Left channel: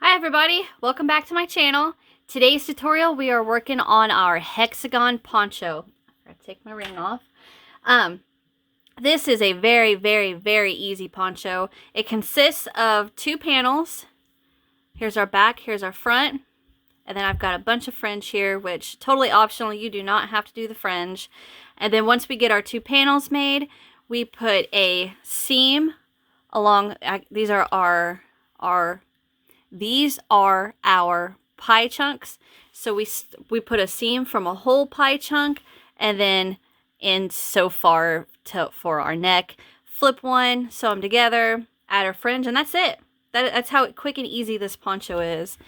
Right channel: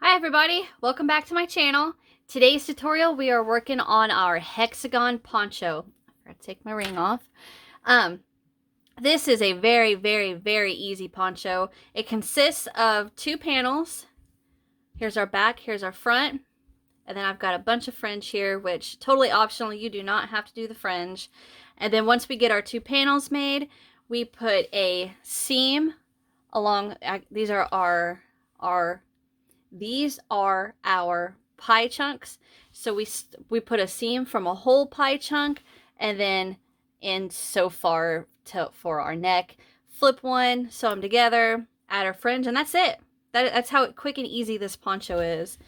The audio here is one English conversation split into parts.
Hi everybody, welcome back to my channel. Today's tutorial we are working on our hexagon poncho. I forgot to take my ring off. This is a very easy poncho. It consists of two panels. Here's our back, here's our front, and then I've got a bunch of fringe here, which totally optional. You do not have to do the fringe. And then once we get our two panels made, we put a seam along. These are our pie chunks. So we put a seam from a whole pie chunk and then in so far for our neck. Flip one, sew them together, add our fringe, and that's it. That's how quick and easy this poncho is.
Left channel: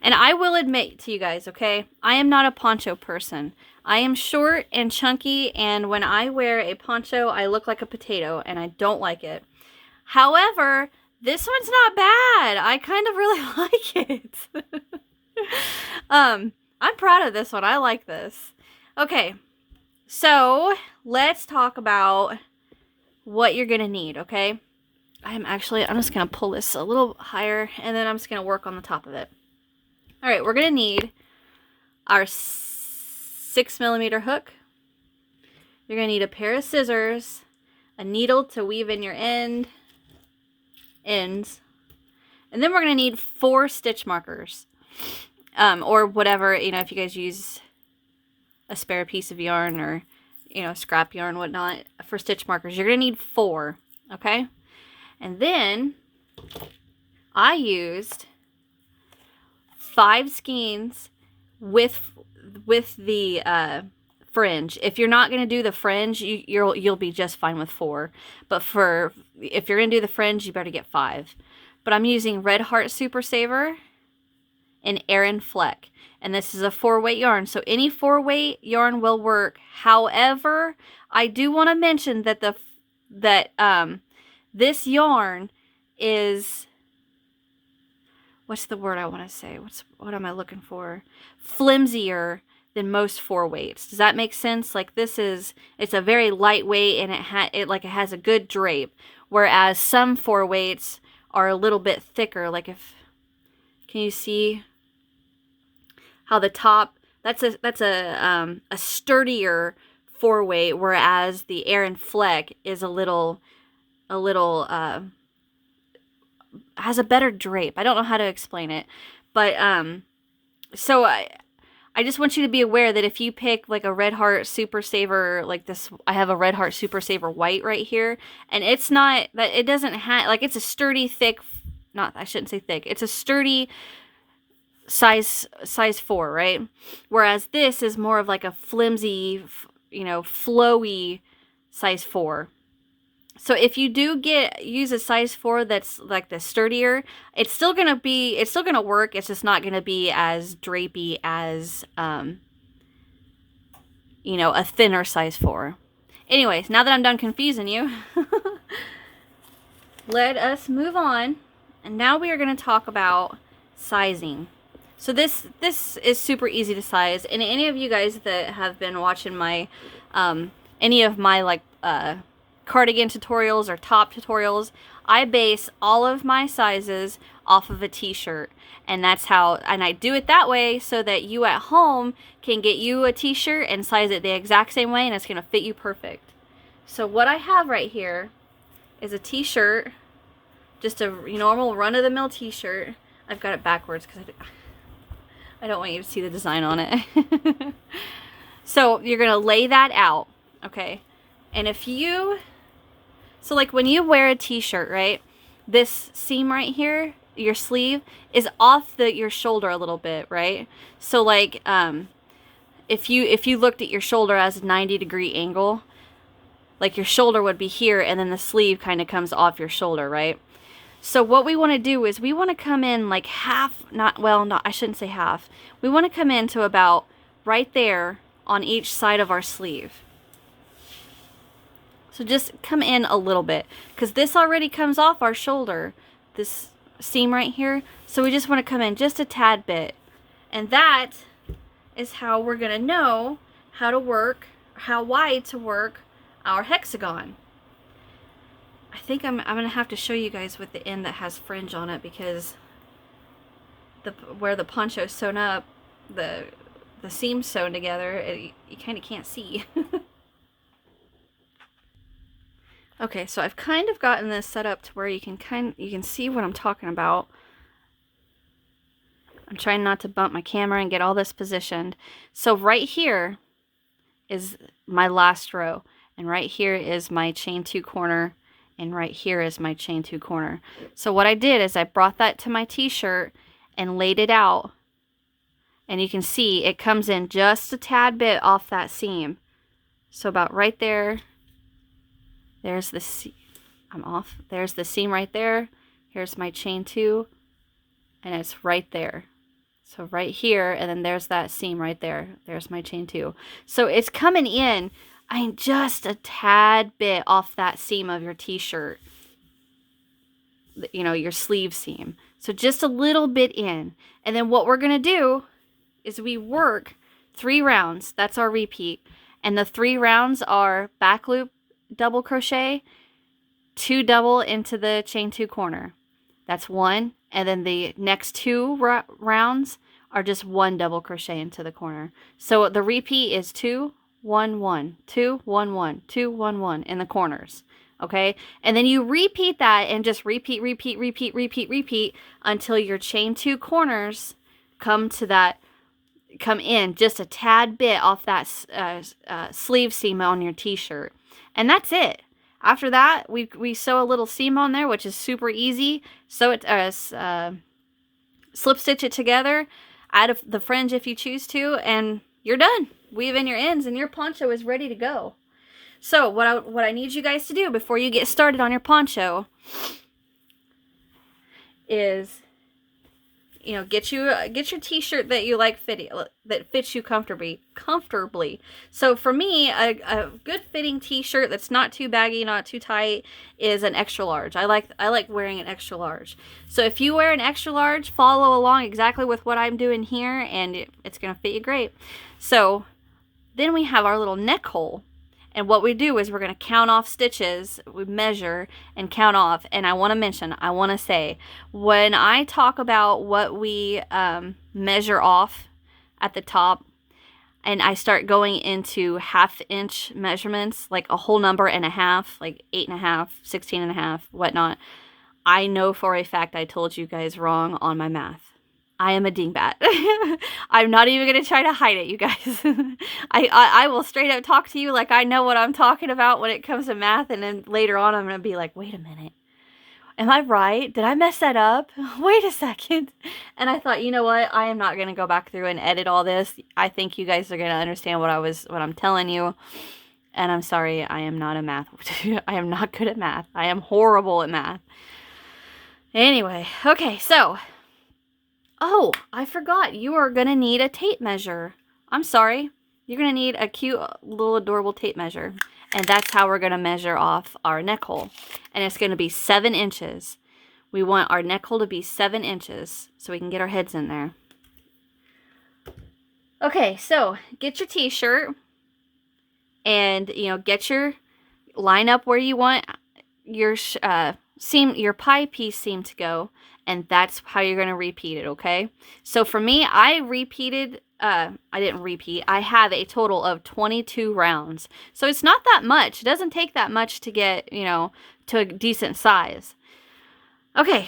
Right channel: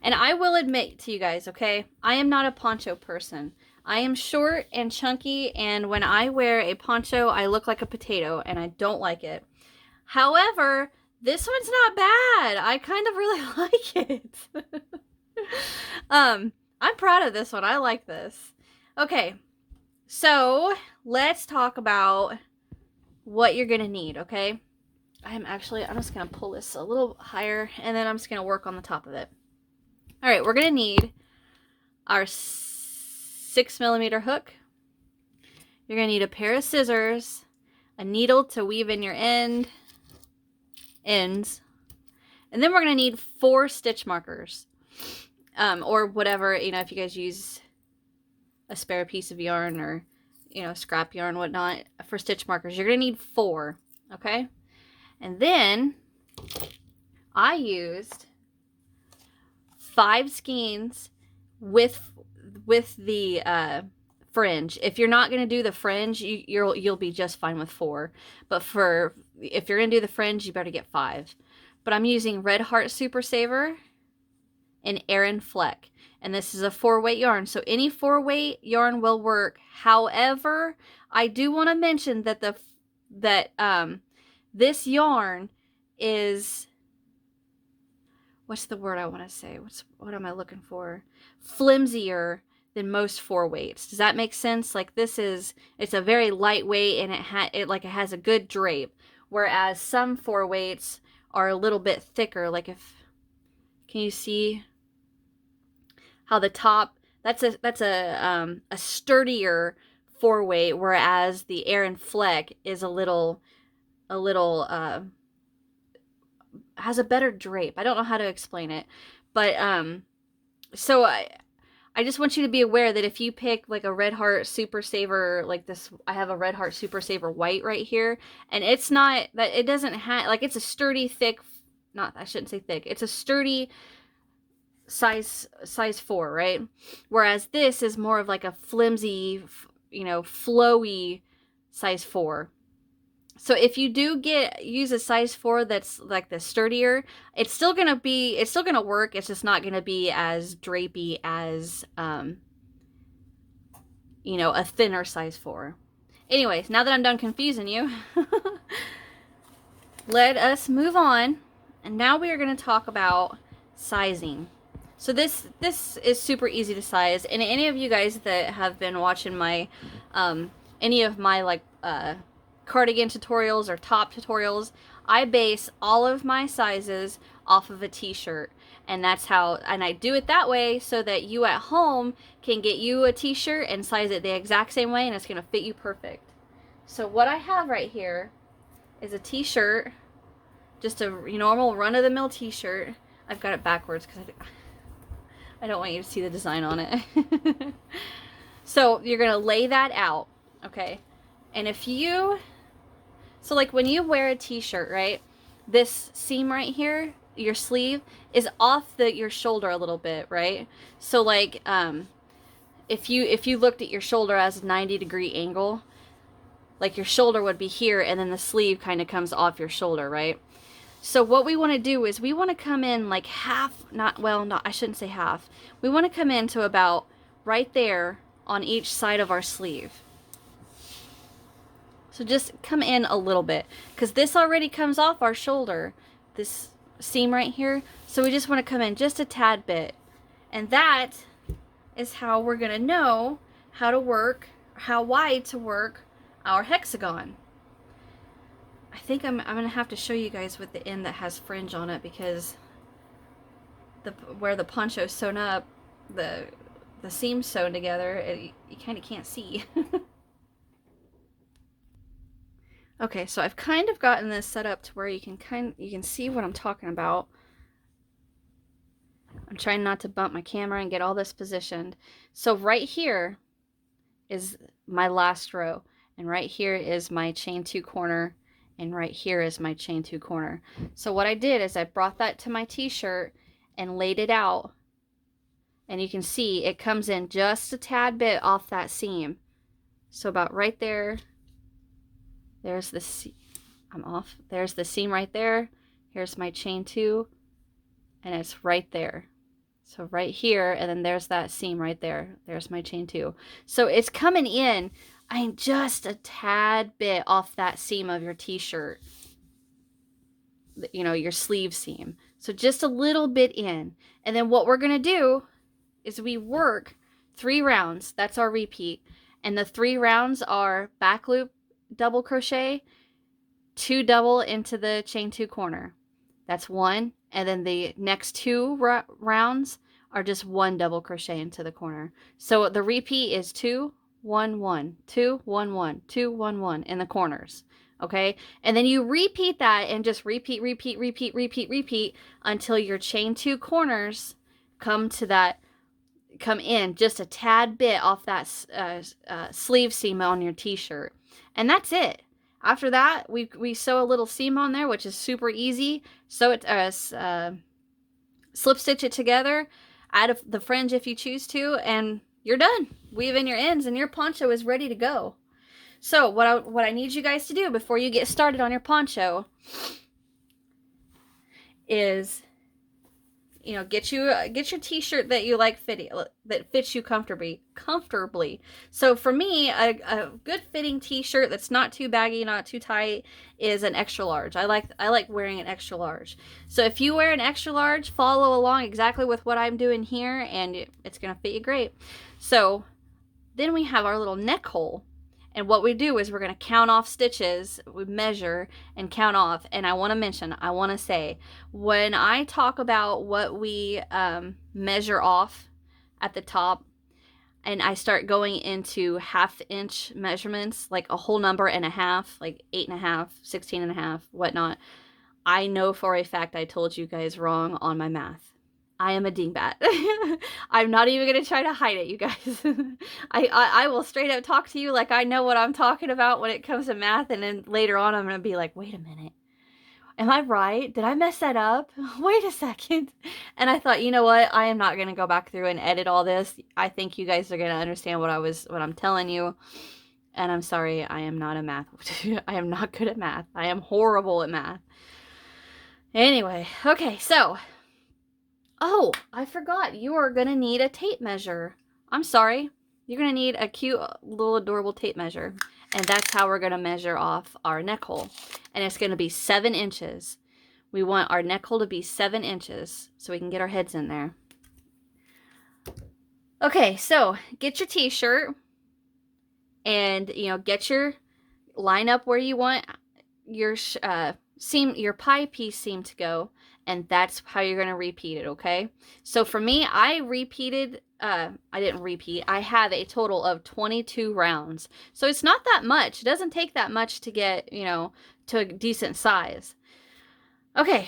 And I will admit to you guys, okay, I am not a poncho person. I am short and chunky, and when I wear a poncho, I look like a potato, and I don't like it. However, this one's not bad. I kind of really like it. I'm proud of this one. I like this. Okay, so let's talk about what you're gonna need, okay? I'm just gonna pull this a little higher, and then I'm just gonna work on the top of it. All right, we're gonna need our 6mm hook. You're gonna need a pair of scissors, a needle to weave in your ends, and then we're gonna need 4 stitch markers, or whatever, you know, if you guys use a spare piece of yarn or, you know, scrap yarn, whatnot, for stitch markers. You're gonna need 4, okay? And then I used 5 skeins with the fringe. If you're not going to do the fringe, you'll be just fine with 4. But if you're going to do the fringe, you better get 5. But I'm using Red Heart Super Saver and Aran Fleck. And this is a 4-weight yarn, so any 4-weight yarn will work. However, I do want to mention that this yarn is, what's the word I want to say? What am I looking for? Flimsier than most 4-weights. Does that make sense? Like it's a very lightweight, and it has a good drape, whereas some 4-weights are a little bit thicker. Like can you see how the top, that's a sturdier 4-weight, whereas the Aran Fleck is a little has a better drape. I don't know how to explain it, but so I just want you to be aware that if you pick like a Red Heart Super Saver like this, I have a Red Heart Super Saver white right here, and it's not that, it doesn't have, like, it's a sturdy thick, not, I shouldn't say thick, it's a sturdy size 4, right? Whereas this is more of like a flimsy, you know, flowy size 4. So if you do use a size 4 that's like the sturdier, it's still gonna work. It's just not gonna be as drapey as you know, a thinner size 4. Anyways, now that I'm done confusing you, let us move on. And now we are going to talk about sizing. So this is super easy to size, and any of you guys that have been watching my any of my like cardigan tutorials or top tutorials, I base all of my sizes off of a t-shirt, and that's how, and I do it that way so that you at home can get you a t-shirt and size it the exact same way, and it's gonna fit you perfect. So what I have right here is a t-shirt, just a normal run-of-the-mill t-shirt. I've got it backwards because I don't want you to see the design on it. So you're gonna lay that out, okay? And so like when you wear a t-shirt, right, this seam right here, your sleeve, is off your shoulder a little bit, right? So like if you looked at your shoulder as a 90-degree angle, like your shoulder would be here, and then the sleeve kind of comes off your shoulder, right? So what we want to do is we want to come in like half, I shouldn't say half. We want to come in to about right there on each side of our sleeve. So just come in a little bit, because this already comes off our shoulder, this seam right here. So we just want to come in just a tad bit. And that is how we're going to know how to work, how wide to work our hexagon. I think I'm going to have to show you guys with the end that has fringe on it, because where the poncho's sewn up, the seams sewn together, you kind of can't see. Okay, so I've kind of gotten this set up to where you can see what I'm talking about. I'm trying not to bump my camera and get all this positioned. So right here is my last row, and right here is my chain 2 corner, and right here is my chain 2 corner. So what I did is I brought that to my t-shirt and laid it out, and you can see it comes in just a tad bit off that seam. So about right there, there's the seam. I'm off. There's the seam right there. Here's my chain 2, and it's right there. So right here, and then there's that seam right there. There's my chain 2. So it's coming in, just a tad bit off that seam of your t-shirt. You know, your sleeve seam. So just a little bit in. And then what we're going to do is we work 3 rounds. That's our repeat. And the 3 rounds are back loop, double crochet, 2 double into the chain 2 corner. That's 1. And then the next 2 rounds are just 1 double crochet into the corner. So the repeat is 2, 1, 1, 2, 1, 1, 2, 1, 1 in the corners. Okay? And then you repeat that and just repeat until your chain 2 corners come in just a tad bit off that sleeve seam on your t-shirt. And that's it. After that, we sew a little seam on there, which is super easy. Sew it, slip stitch it together, add the fringe if you choose to, and you're done. Weave in your ends, and your poncho is ready to go. So what I need you guys to do before you get started on your poncho is, you know, get your t-shirt that you like fitting, that fits you comfortably. So for me, a good fitting t-shirt that's not too baggy, not too tight, is an extra large. I like wearing an extra large. So if you wear an extra large, follow along exactly with what I'm doing here, and it's gonna fit you great. So then we have our little neck hole. And what we do is we're going to count off stitches. We measure and count off. And I want to say, when I talk about what we measure off at the top, and I start going into 1/2 inch measurements, like a whole number and a half, like 8.5, 16.5, whatnot, I know for a fact I told you guys wrong on my math. I am a dingbat. I'm not even going to try to hide it, you guys. I will straight up talk to you like I know what I'm talking about when it comes to math, and then later on I'm going to be like, wait a minute. Am I right? Did I mess that up? Wait a second. And I thought, you know what? I am not going to go back through and edit all this. I think you guys are going to understand what I'm telling you. And I'm sorry, I am not a math. I am not good at math. I am horrible at math. Anyway, okay, so... Oh, I forgot. You are going to need a tape measure. I'm sorry. You're going to need a cute little adorable tape measure. And that's how we're going to measure off our neck hole. And it's going to be 7 inches. We want our neck hole to be 7 inches so we can get our heads in there. Okay, so get your t-shirt and, you know, line up where you want your your pie piece seam to go. And that's how you're going to repeat it, okay? So for me, I have a total of 22 rounds. So it's not that much. It doesn't take that much to get, you know, to a decent size. Okay,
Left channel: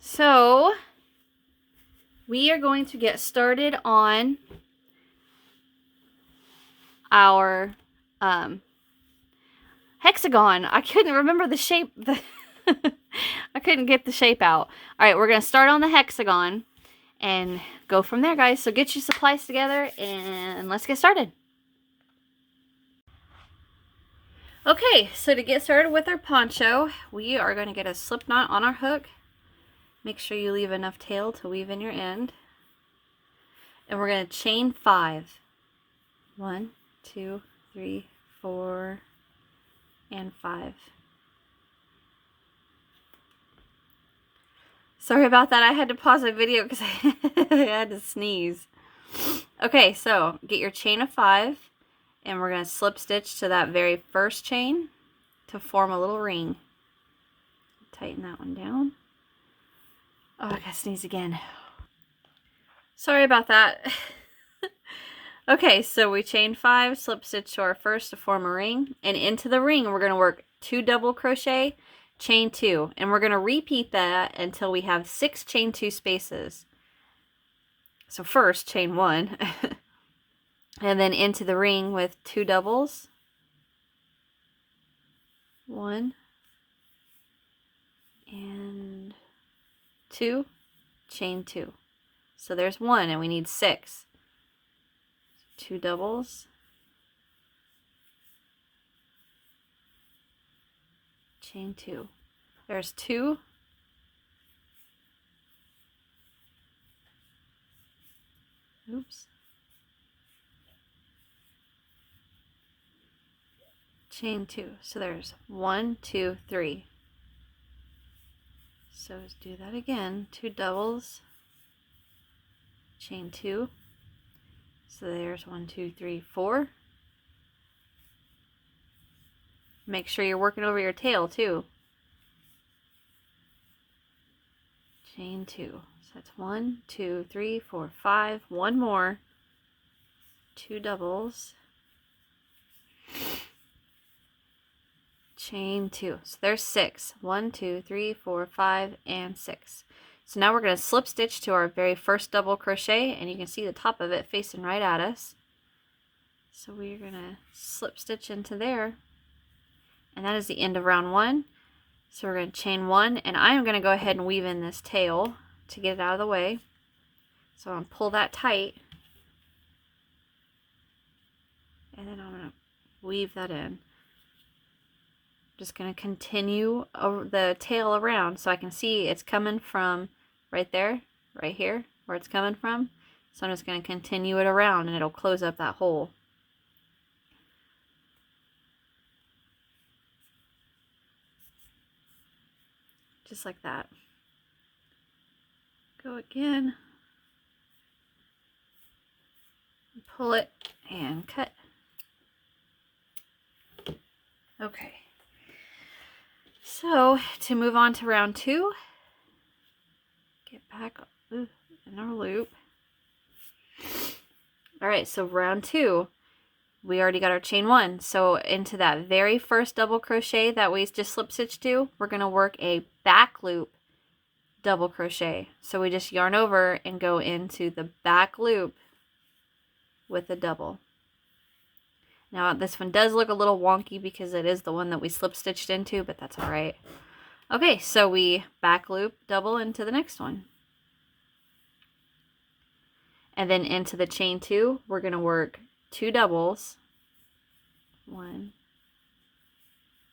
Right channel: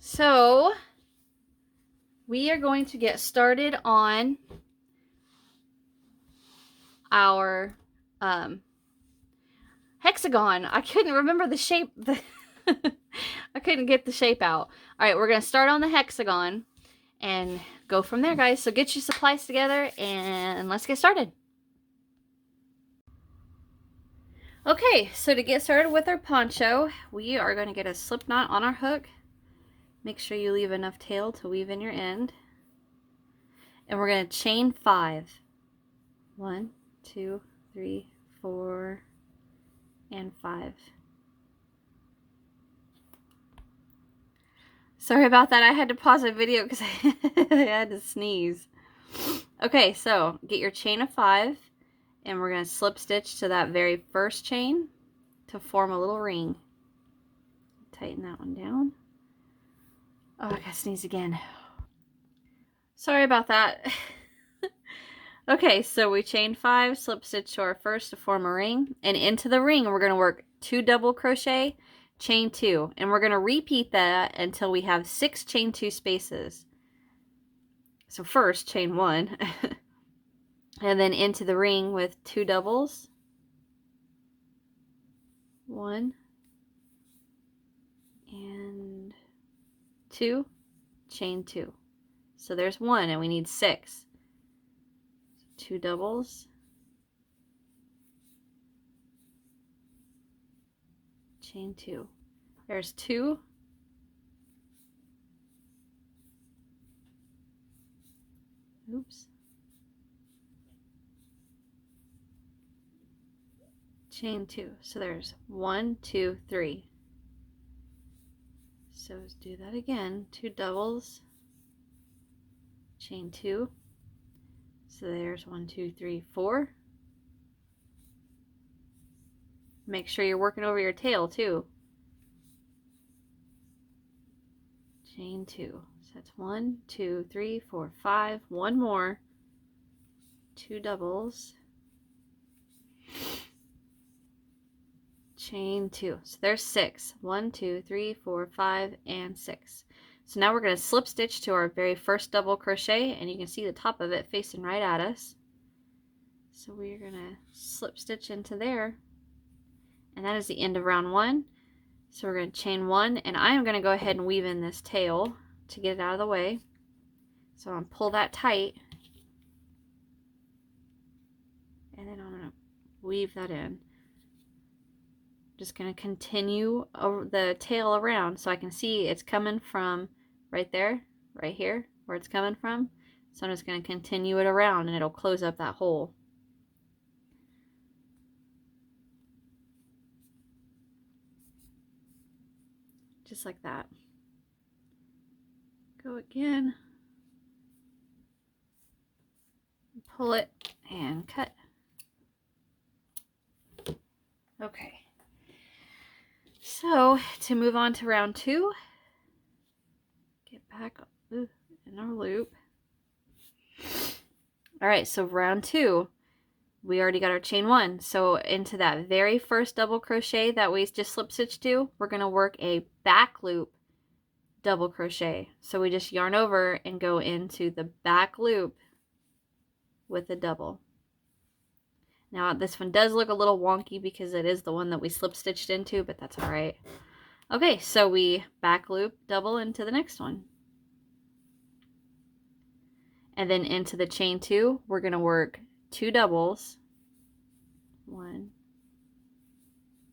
so we are going to get started on our hexagon. I couldn't remember the shape. I couldn't get the shape out. All right, we're going to start on the hexagon and go from there, guys. So get your supplies together and let's get started. Okay, so to get started with our poncho, we are going to get a slip knot on our hook. Make sure you leave enough tail to weave in your end. And we're going to chain 5. 1, 2, 3, 4, and 5. Sorry about that. I had to pause the video because I had to sneeze. Okay, so get your chain of 5, and we're going to slip stitch to that very first chain to form a little ring. Tighten that one down. Oh, I gotta sneeze again. Sorry about that. Okay, so we chain 5, slip stitch to our first to form a ring, and into the ring we're going to work 2 double crochet, chain 2, and we're going to repeat that until we have 6 chain 2 spaces. So first chain 1 and then into the ring with 2 doubles, 1 and 2, chain 2. So there's 1 and we need 6. 2 doubles, chain 2. There's 2, oops, chain 2. So there's 1, 2, 3. So let's do that again. 2 doubles, chain 2. So there's 1, 2, 3, 4. Make sure you're working over your tail too. Chain 2. So that's 1, 2, 3, 4, 5. One more. 2 doubles. Chain 2. So there's 6. 1, 2, 3, 4, 5, and 6. So now we're going to slip stitch to our very first double crochet, and you can see the top of it facing right at us. So we're going to slip stitch into there, and that is the end of round 1. So we're going to chain 1, and I am going to go ahead and weave in this tail to get it out of the way. So I'm going to pull that tight, and then I'm going to weave that in. Just going to continue the tail around so I can see it's coming from right there, right here, where it's coming from. So I'm just going to continue it around and it'll close up that hole. Just like that. Go again. Pull it and cut. Okay. So to move on to round 2, get back in our loop. All right, so round 2, we already got our chain 1. So into that very first double crochet that we just slip stitch to, we're going to work a back loop double crochet. So we just yarn over and go into the back loop with a double. Now this one does look a little wonky because it is the one that we slip stitched into, but that's all right. Okay, so we back loop double into the next one. And then into the chain 2, we're going to work 2 doubles. 1,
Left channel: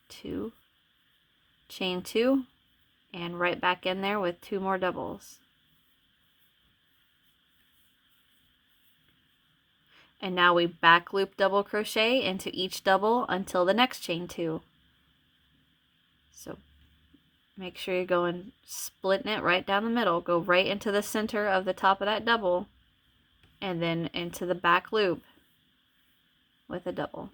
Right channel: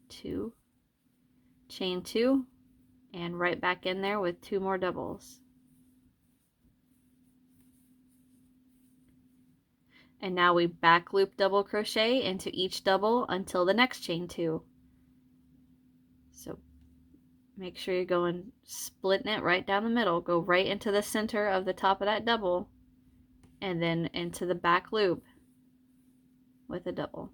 2, chain 2, and right back in there with 2 more doubles. And now we back loop double crochet into each double until the next chain 2. So make sure you're going, splitting it right down the middle. Go right into the center of the top of that double and then into the back loop with a double.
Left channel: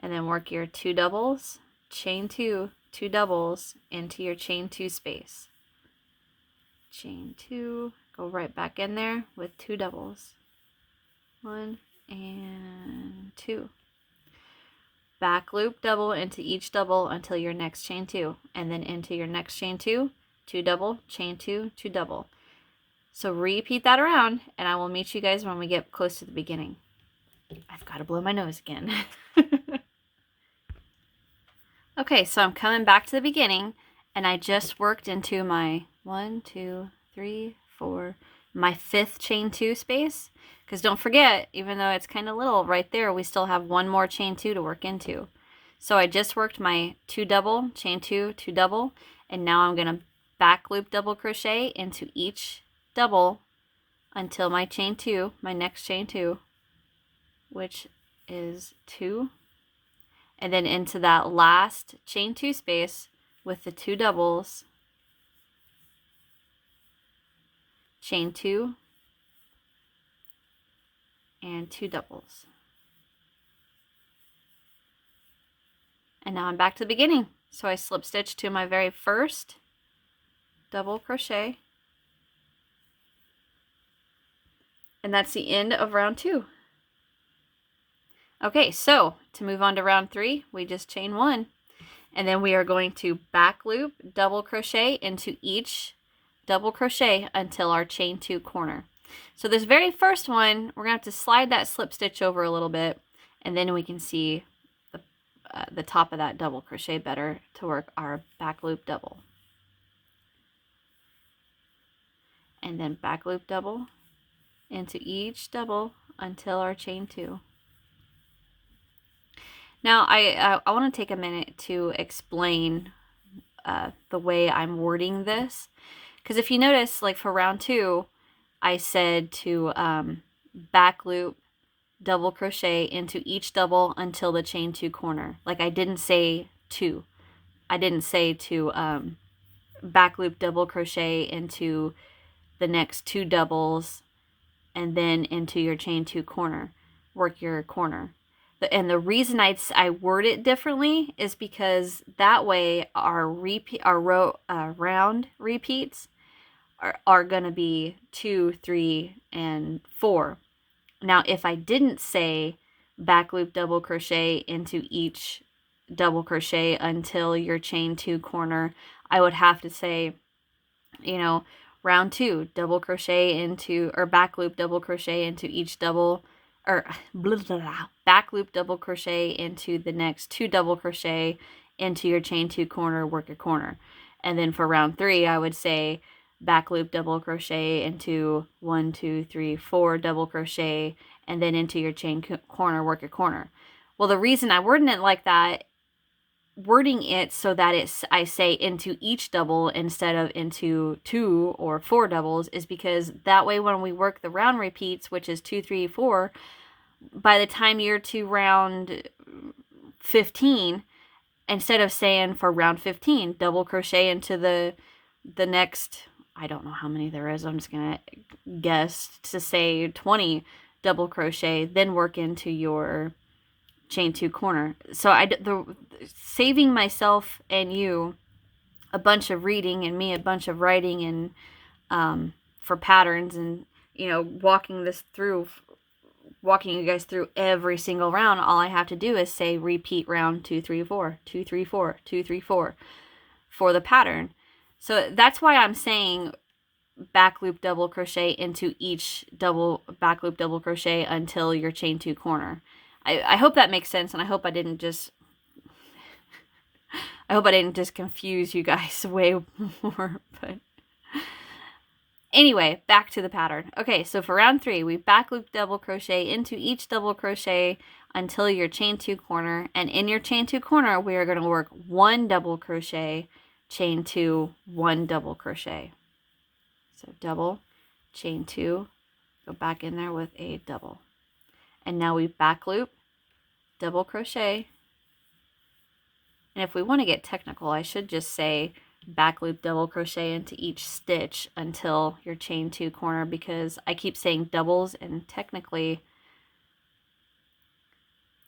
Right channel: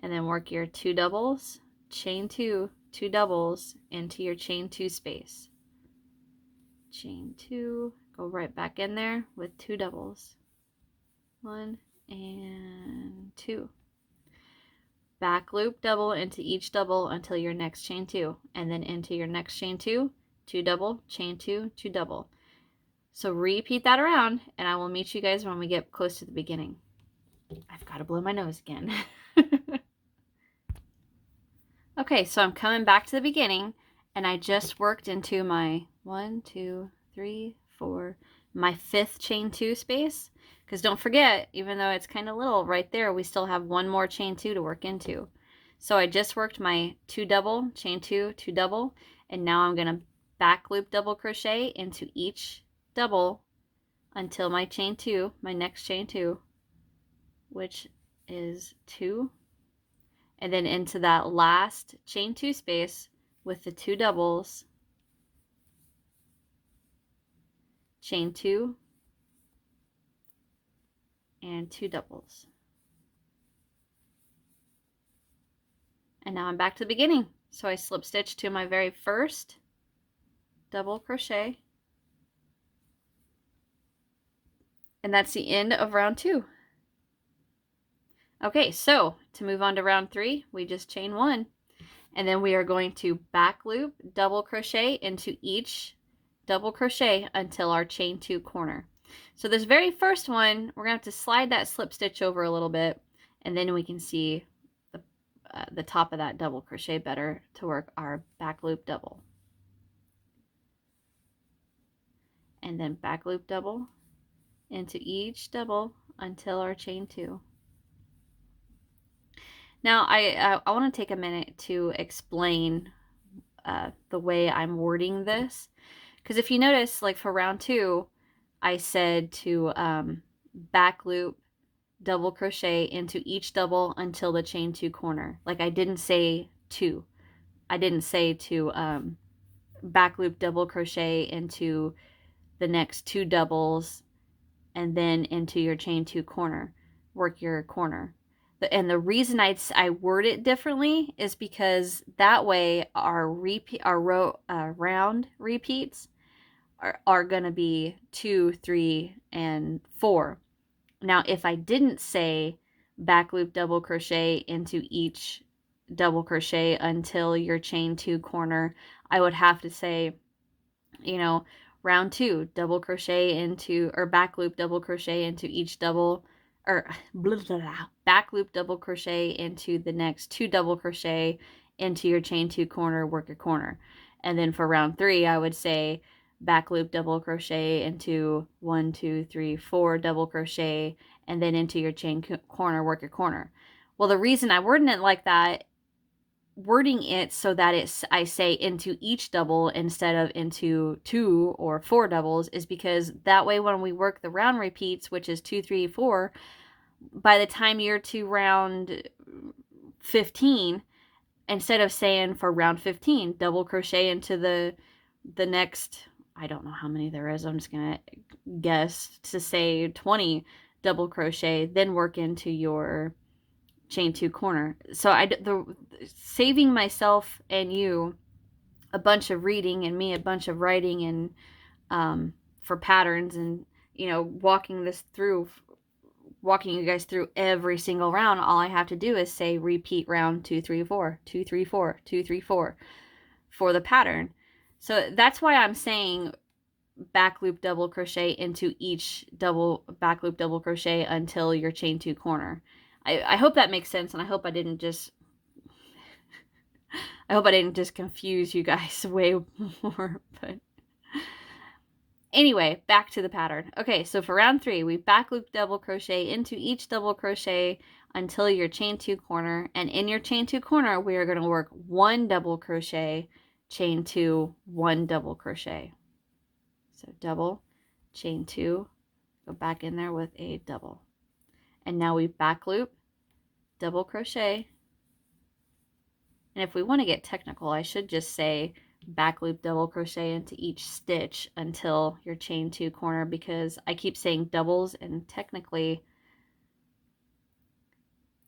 And then work your 2 doubles, chain 2, 2 doubles into your chain 2 space. Chain 2, go right back in there with 2 doubles. 1 and 2. Back loop double into each double until your next chain 2, and then into your next chain 2, 2 double, chain 2, 2 double. So repeat that around, and I will meet you guys when we get close to the beginning. I've got to blow my nose again. Okay, so I'm coming back to the beginning, and I just worked into my 1, 2, 3, 4, my 5th chain 2 space. Because don't forget, even though it's kind of little right there, we still have 1 more chain 2 to work into. So I just worked my 2 double, chain 2, 2 double, and now I'm going to back loop double crochet into each double until my chain 2, my next chain 2, which is 2. And then into that last chain 2 space with the 2 doubles, chain 2, and 2 doubles. And now I'm back to the beginning. So I slip stitch to my very first double crochet. And that's the end of round 2. Okay, so to move on to round 3, we just chain 1. And then we are going to back loop, double crochet into each double crochet until our chain 2 corner. So this very first one, we're going to have to slide that slip stitch over a little bit, and then we can see the top of that double crochet better to work our back loop double. And then back loop double into each double until our chain 2. Now I want to take a minute to explain the way I'm wording this, because if you notice, like for round 2, I said to back loop, double crochet into each double until the chain 2 corner. Like I didn't say 2. I didn't say to back loop, double crochet into the next 2 doubles and then into your chain 2 corner. Work your corner. And the reason I word it differently is because that way our round repeats are going to be 2, 3, and 4. Now, if I didn't say back loop, double crochet into each double crochet until your chain 2 corner, I would have to say, you know, round 2, double crochet into, or back loop, double crochet into each double, or blah, blah, blah, back loop, double crochet into the next 2 double crochet into your chain 2 corner, work your corner. And then for round 3, I would say back loop, double crochet into 1, 2, 3, 4 double crochet, and then into your chain corner, work your corner. Well, the reason I worded it like that, wording it so that I say into each double instead of into 2 or 4 doubles, is because that way when we work the round repeats, which is 2, 3, 4, by the time you're to round 15, instead of saying for round 15, double crochet into the next, I don't know how many there is, I'm just gonna guess to say 20 double crochet, then work into your chain 2 corner. So saving myself and you a bunch of reading and me a bunch of writing and for patterns, and walking you guys through every single round, all I have to do is say repeat round 2, 3, 4, 2, 3, 4, 2, 3, 4 for the pattern. So that's why I'm saying back loop, double crochet into each back loop, double crochet until your chain 2 corner. I hope that makes sense, and I hope I didn't just confuse you guys way more. But anyway, back to the pattern. Okay, so for round 3, we back loop, double crochet into each double crochet until your chain 2 corner, and in your chain 2 corner we are going to work 1 double crochet, chain 2, 1 double crochet. So double, chain 2, go back in there with a double, and now we back loop, double crochet. And if we want to get technical, I should just say back loop, double crochet into each stitch until your chain 2 corner, because I keep saying doubles, and technically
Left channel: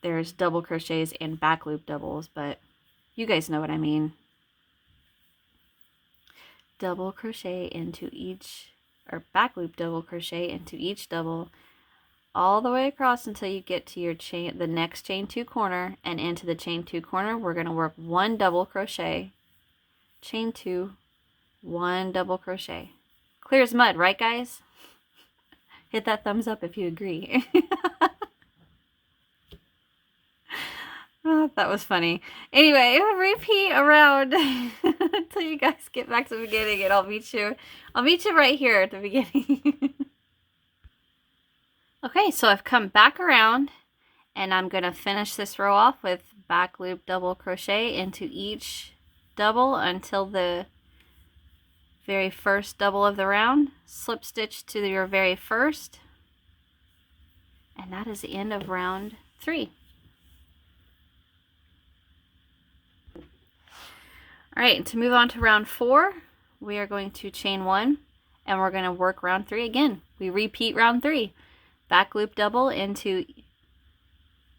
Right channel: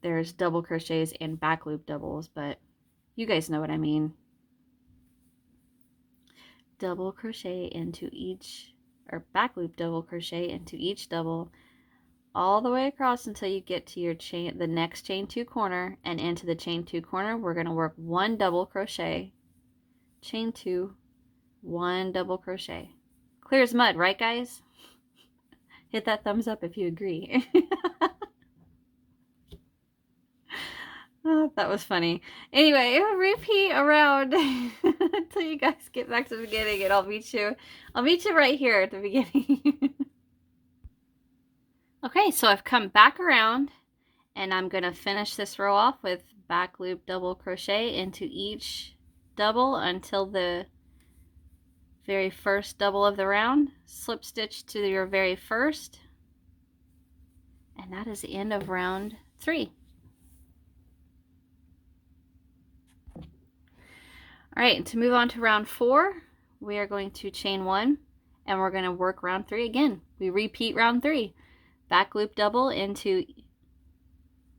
there's double crochets and back loop doubles, but you guys know what I mean. Double crochet into each, or back loop, double crochet into each double all the way across until you get to the next chain 2 corner, and into the chain 2 corner we're going to work 1 double crochet, chain 2, 1 double crochet. Clear as mud, right guys? Hit that thumbs up if you agree. Oh, that was funny. Anyway, repeat around until you guys get back to the beginning, and I'll meet you right here at the beginning. Okay, so I've come back around, and I'm going to finish this row off with back loop, double crochet into each double until the very first double of the round. Slip stitch to your very first, and that is the end of round 3. All right, to move on to round 4, we are going to chain 1, and we're going to work round 3 again. We repeat round 3. Back loop double into,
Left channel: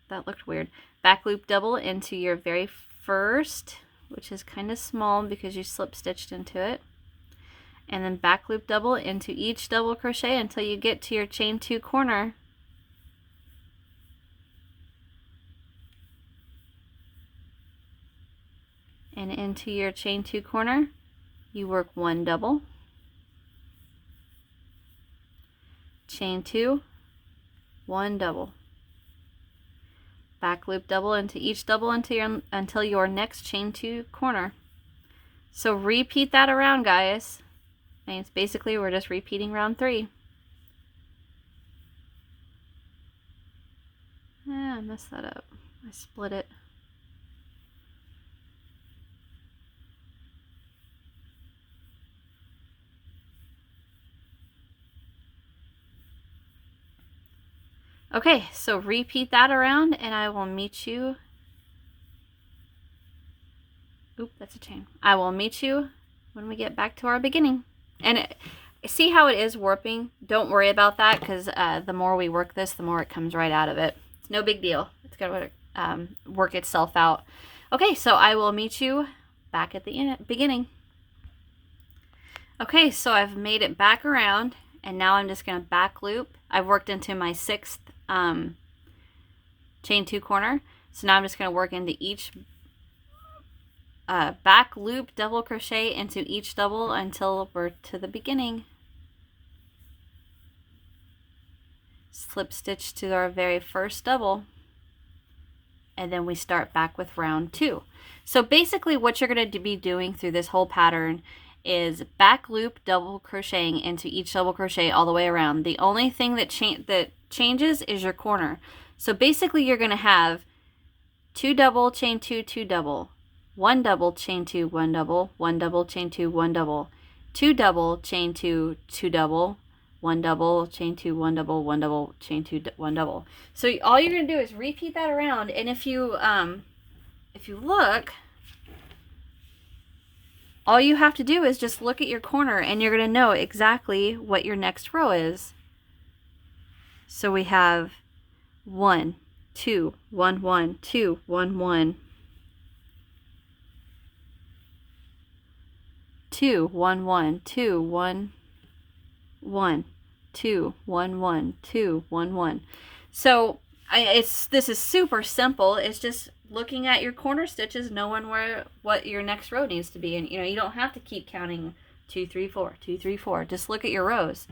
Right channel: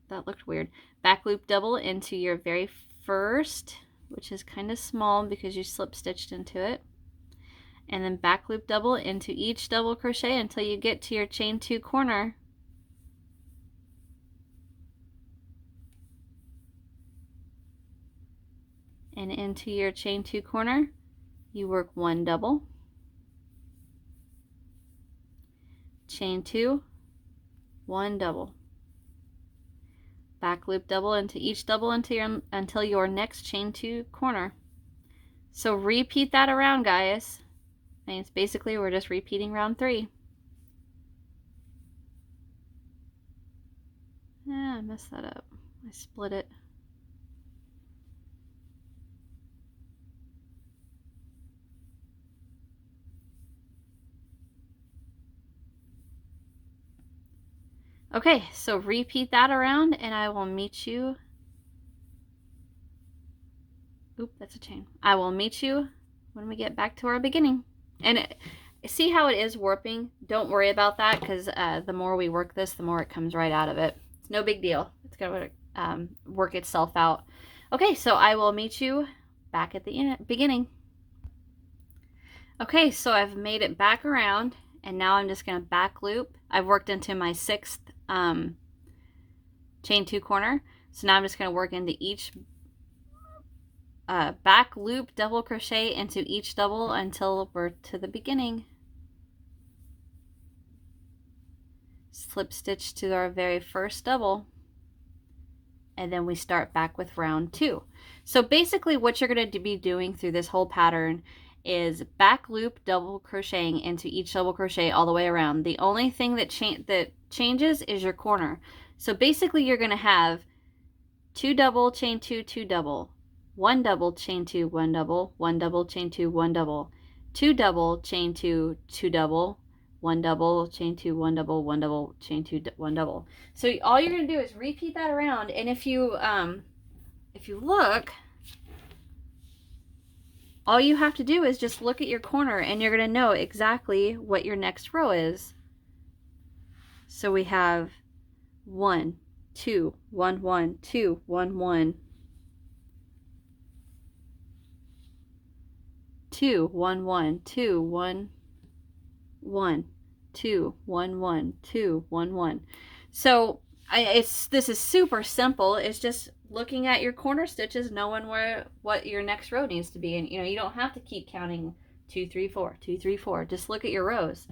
that looked weird, back loop double into your very first, which is kind of small because you slip stitched into it. and then back loop double into each double crochet until you get to your chain 2 corner. And into your chain 2 corner, you work 1 double, chain 2, 1 double, back loop double into each double until your next chain 2 corner. So repeat that around, guys. And it's basically we're just repeating round 3. Ah, I messed that up. I split it. Okay, so repeat that around and I will meet you. Oop, that's a chain. I will meet you when we get back to our beginning. And see how it is warping? Don't worry about that, because the more we work this, the more it comes right out of it. It's no big deal. It's going to work itself out. Okay, so I will meet you back at the beginning. Okay, so I've made it back around, and now I'm just going to back loop. I've worked into my 6th chain 2 corner, so now I'm just going to work into each back loop double crochet into each double until we're to the beginning. Slip stitch to our very first double, and then we start back with round 2. So basically what you're going to be doing through this whole pattern is back loop double crocheting into each double crochet all the way around. The only thing that changes is your corner. So basically you're going to have 2 double, chain 2, 2 double, 1 double, chain 2, 1 double, 1 double, chain 2, 1 double, 2 double, chain 2, 2 double, 1 double, chain 2, 1 double, 1 double, chain 2, 1 double. So all you're going to do is repeat that around, and if you look, all you have to do is just look at your corner and you're going to know exactly what your next row is. So we have 1, 2, 1, 1, 2, 1, 1, 2, 1, 1, 2, 1, 1, 2, 1, 1, 2, 1, 1. So this is super simple. It's just looking at your corner stitches, knowing what your next row needs to be. And you don't have to keep counting 2, 3, 4, 2, 3, 4. Just look at your rows.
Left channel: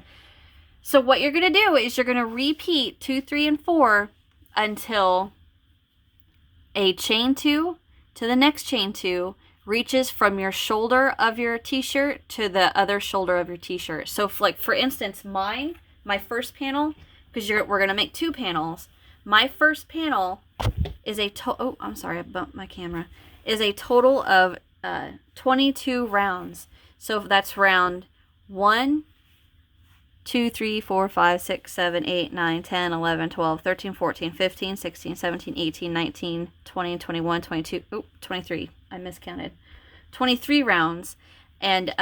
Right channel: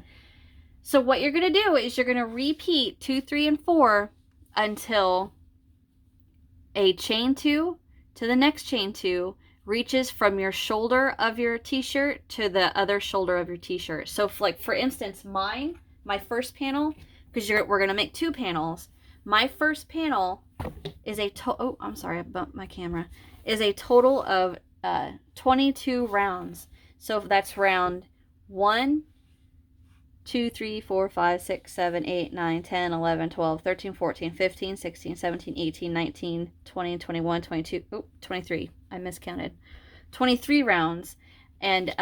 So what you're going to do is you're going to repeat 2, 3, and 4 until a chain 2 to the next chain 2 reaches from your shoulder of your t-shirt to the other shoulder of your t-shirt. So like for instance, my first panel, because we're going to make 2 panels. My first panel is oh, I'm sorry, I bumped my camera. Is a total of 22 rounds. So that's round 1, 2, 3, 4, 5, 6, 7, 8, 9, 10, 11, 12, 13, 14, 15, 16, 17, 18, 19, 20, 21, 22, 23. I miscounted. 23 rounds. And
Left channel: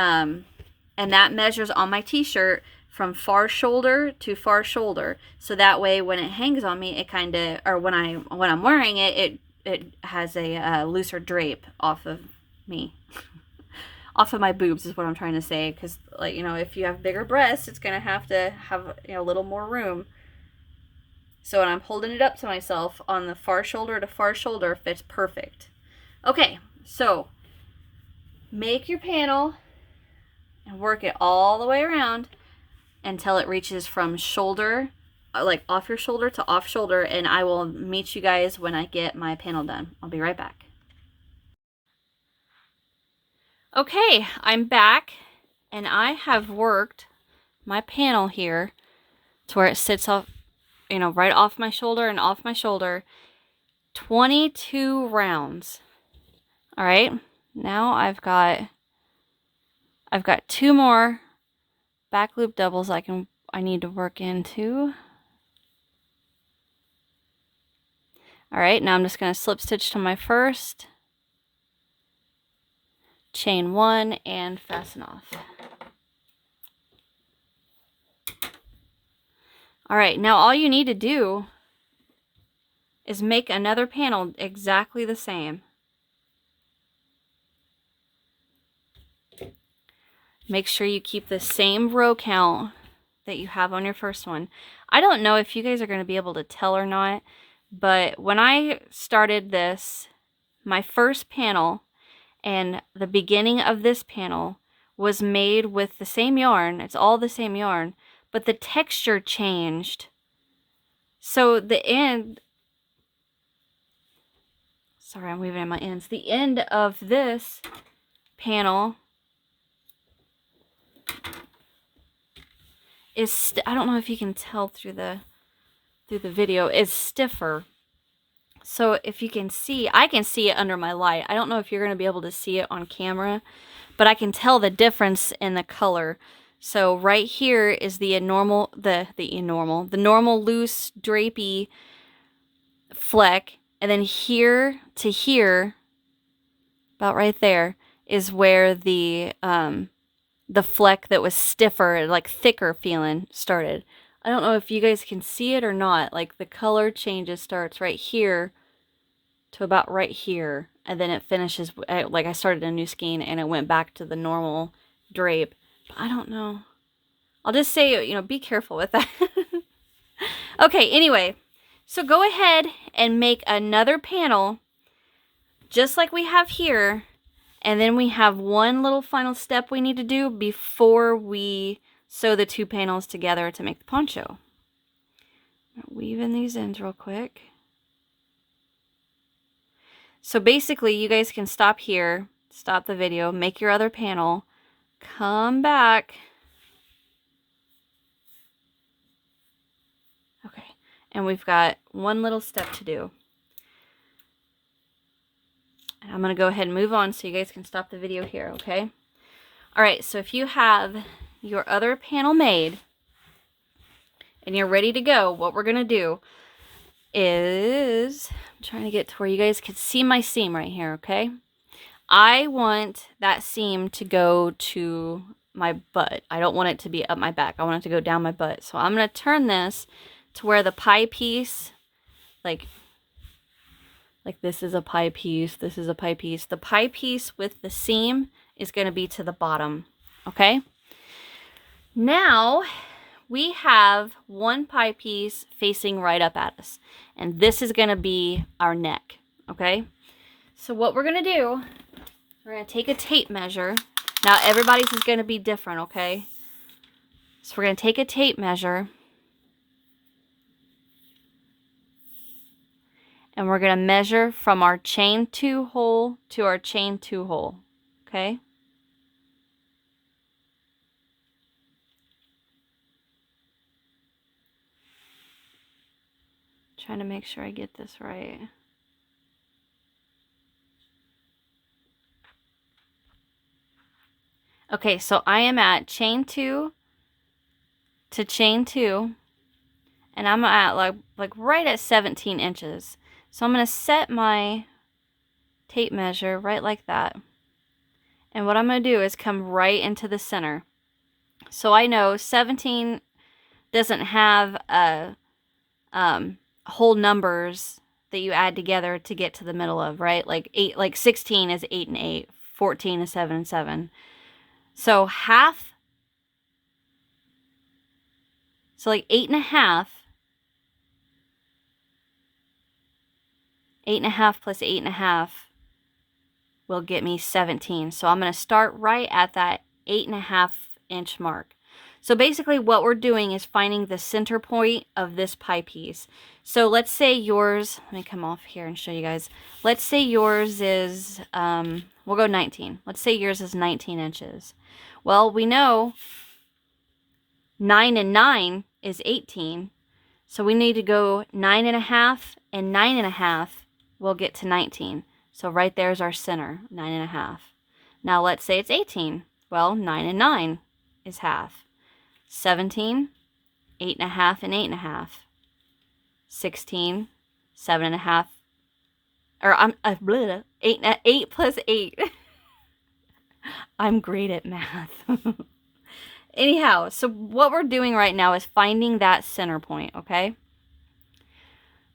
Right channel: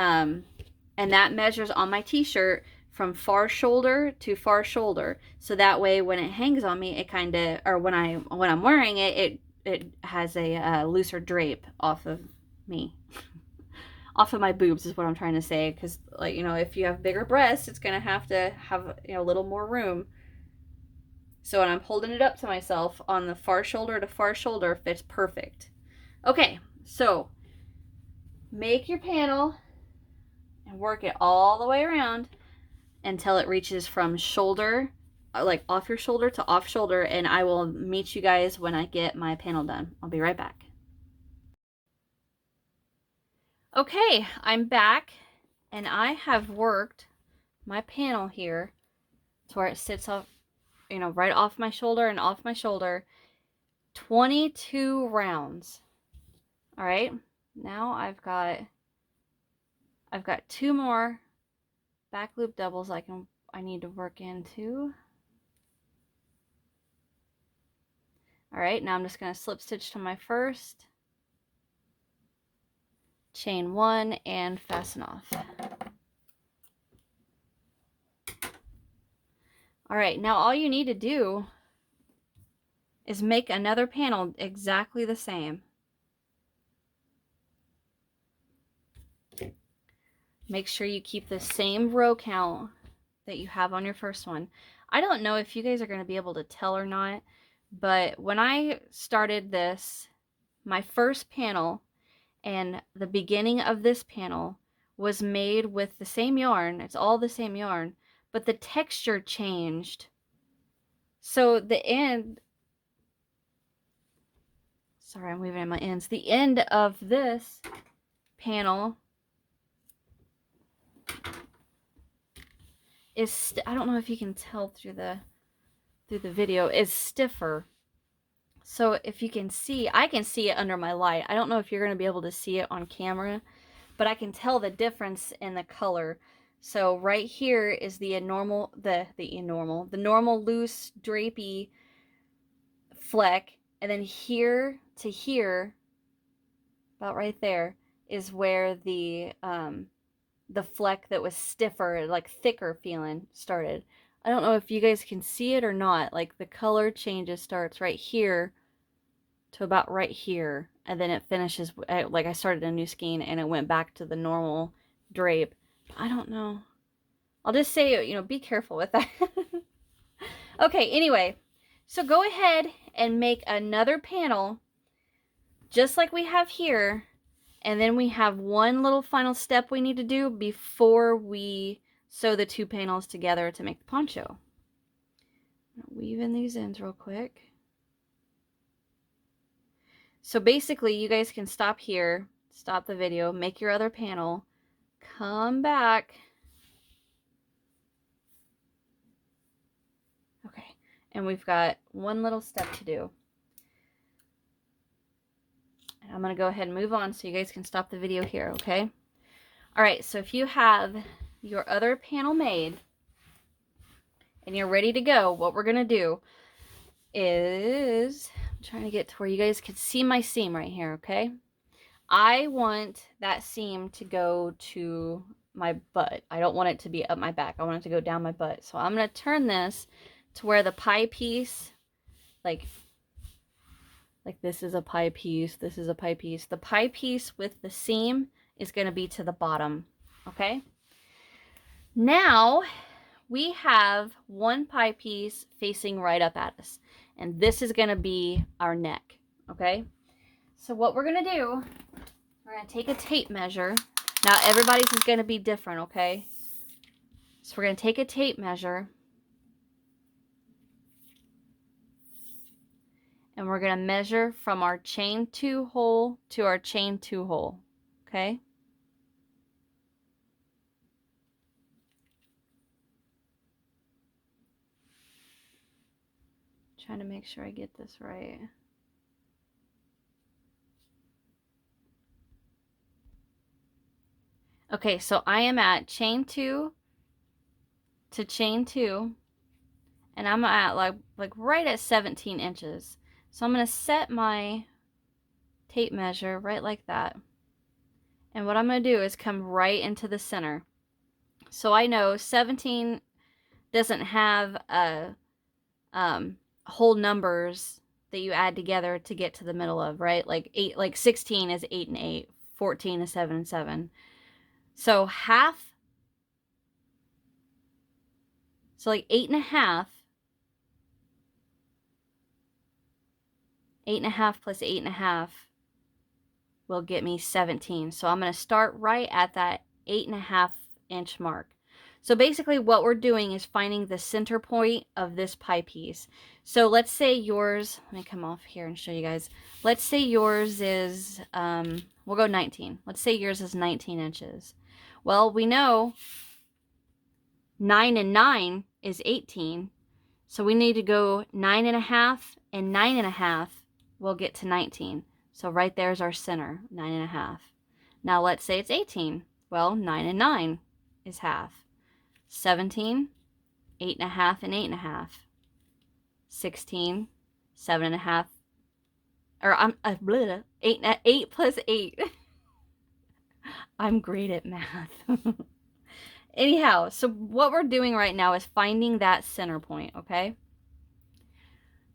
that measures on my t-shirt from far shoulder to far shoulder. So that way when it hangs on me, it kind of, or when I'm wearing it, it has a looser drape off of me. Off of my boobs is what I'm trying to say, because like, if you have bigger breasts, it's gonna have to have a little more room. So when I'm holding it up to myself on the far shoulder to far shoulder, fits perfect. Okay, so make your panel and work it all the way around until it reaches from shoulder, like off your shoulder to off shoulder, and I will meet you guys when I get my panel done. I'll be right back. Okay, I'm back, and I have worked my panel here to where it sits off, right off my shoulder and off my shoulder, 22 rounds. All right, now I've got 2 more back loop doubles I need to work into. All right, now I'm just going to slip stitch to my first, chain 1, and fasten off. All right, now all you need to do is make another panel exactly the same. make sure you keep the same row count that you have on your first one. I don't know if you guys are going to be able to tell or not, but when I started this, my first panel and the beginning of this panel was made with the same yarn. It's all the same yarn, but the texture changed. So the end, sorry, I'm weaving in my ends. The end of this panel is, I don't know if you can tell through the video, is stiffer. So if you can see, I can see it under my light. I don't know if you're going to be able to see it on camera, but I can tell the difference in the color. So right here is the normal loose drapey fleck, and then here to here, about right there, is where the fleck that was stiffer, like thicker feeling, started. I don't know if you guys can see it or not. Like the color changes starts right here to about right here, and then it finishes like I started a new skein and it went back to the normal drape. I don't know. I'll just say, you know, be careful with that. Okay, anyway, so go ahead and make another panel just like we have here, and then we have one little final step we need to do before we sew the two panels together to make the poncho. Weave in these ends real quick. So basically, you guys can stop here, stop the video, make your other panel, come back. Okay, and we've got one little step to do. And I'm going to go ahead and move on so you guys can stop the video here, okay? All right, so if you have your other panel made and you're ready to go, what we're going to do is, I'm trying to get to where you guys can see my seam right here, okay? I want that seam to go to my butt. I don't want it to be up my back. I want it to go down my butt. So I'm going to turn this to where the pie piece, like this is a pie piece, this is a pie piece. The pie piece with the seam is going to be to the bottom, okay? Now we have one pie piece facing right up at us, and this is going to be our neck, okay? So what we're going to do, we're going to take a tape measure. Now everybody's is going to be different, okay? So we're going to take a tape measure, and we're going to measure from our chain 2 hole to our chain 2 hole, okay? Trying to make sure I get this right. Okay, so I am at chain 2 to chain 2, and I'm at like right at 17 inches. So I'm going to set my tape measure right like that. And what I'm going to do is come right into the center. So I know 17 doesn't have whole numbers that you add together to get to the middle of, right? Like 16 is 8 and 8, 14 is 7 and 7. So half, so like 8 and a half, 8 and a half plus 8 and a half will get me 17. So I'm going to start right at that 8.5 inch mark. So basically what we're doing is finding the center point of this pie piece. So let's say yours, let me come off here and show you guys. Let's say yours is, we'll go 19. Let's say yours is 19 inches. Well, we know 9 and 9 is 18. So we need to go 9.5 and 9.5 will get to 19. So right there's our center, 9.5. Now let's say it's 18. Well, 9 and 9 is half. 17, 8.5 and 8.5. 16, 7.5. Or I'm 8 plus 8. I'm great at math. Anyhow, so what we're doing right now is finding that center point, okay?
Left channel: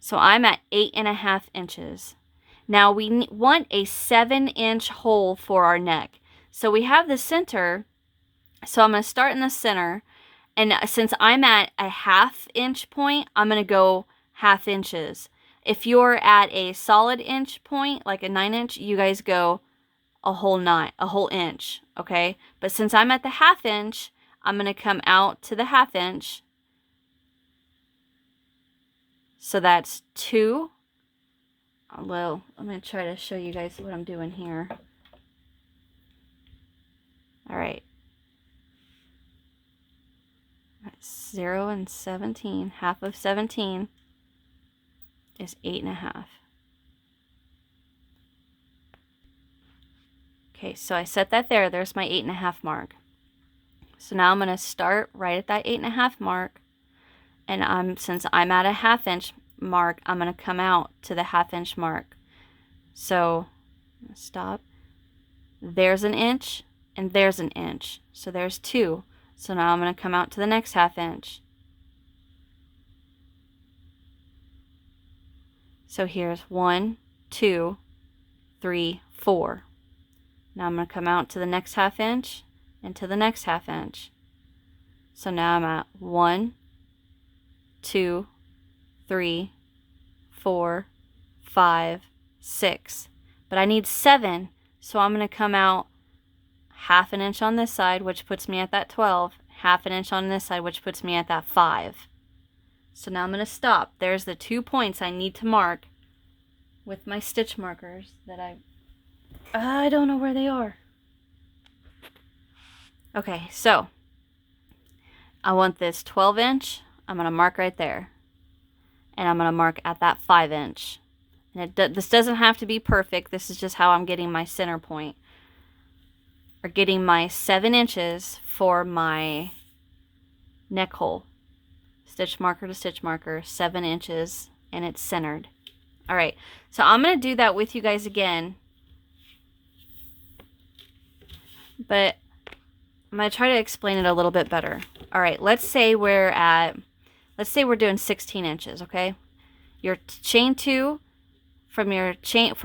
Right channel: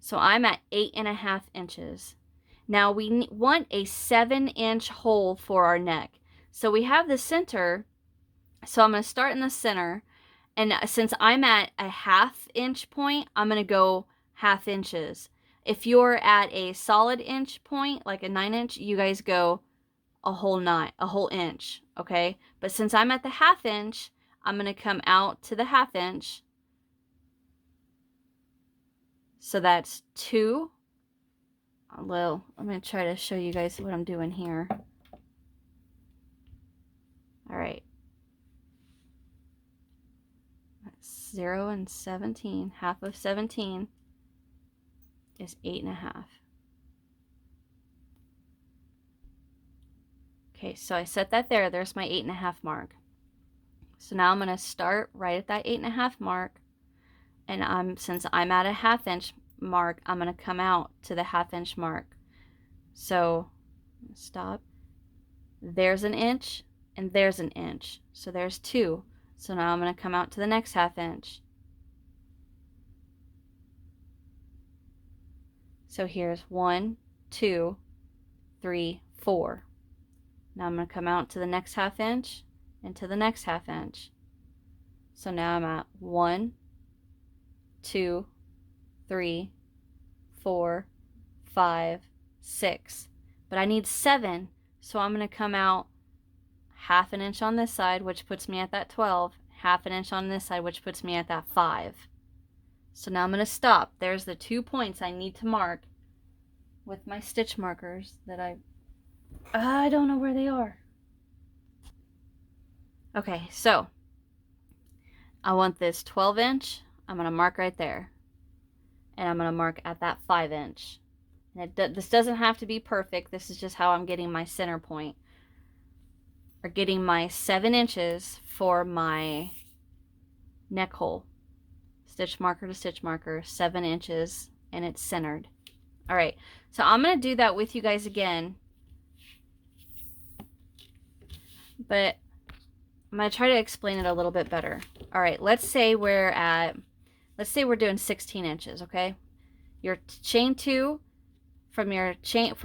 So I'm at 8.5 inches. Now we want a 7-inch hole for our neck. So we have the center So I'm going to start in the center, and since I'm at a 1/2 inch point, I'm going to go 1/2 inches. If you're at a solid inch point, like a 9 inch, you guys go a whole inch, okay? But since I'm at the 1/2 inch, I'm going to come out to the 1/2 inch. So that's 2. Well, I'm going to try to show you guys what I'm doing here. All right. 0 and 17. 1/2 of 17 is 8.5. Okay, so I set that there. There's my 8.5 mark. So now I'm going to start right at that 8.5 mark. And since I'm at a 1/2 inch mark, I'm going to come out to the 1/2 inch mark. So stop. There's an inch and there's an inch. So there's 2. So now I'm going to come out to the next 1/2 inch. So here's 1, 2, 3, 4. Now I'm going to come out to the next 1/2 inch and to the next 1/2 inch. So now I'm at 1, 2, 3, 4, 5, 6. But I need 7, so I'm going to come out 1/2 inch on this side, which puts me at that 12, 1/2 inch on this side, which puts me at that 5. So now I'm going to stop. There's the 2 points I need to mark with my stitch markers that I don't know where they are. Okay, so I want this 12 inch. I'm going to mark right there. And I'm going to mark at that 5 inch. And this doesn't have to be perfect. This is just how I'm getting my center point. Or getting my 7 inches for my neck hole. Stitch marker to stitch marker, 7 inches, and it's centered. All right, so I'm going to do that with you guys again. But I'm going to try to explain it a little bit better. All right, let's say we're doing 16 inches, okay? Your chain 2 from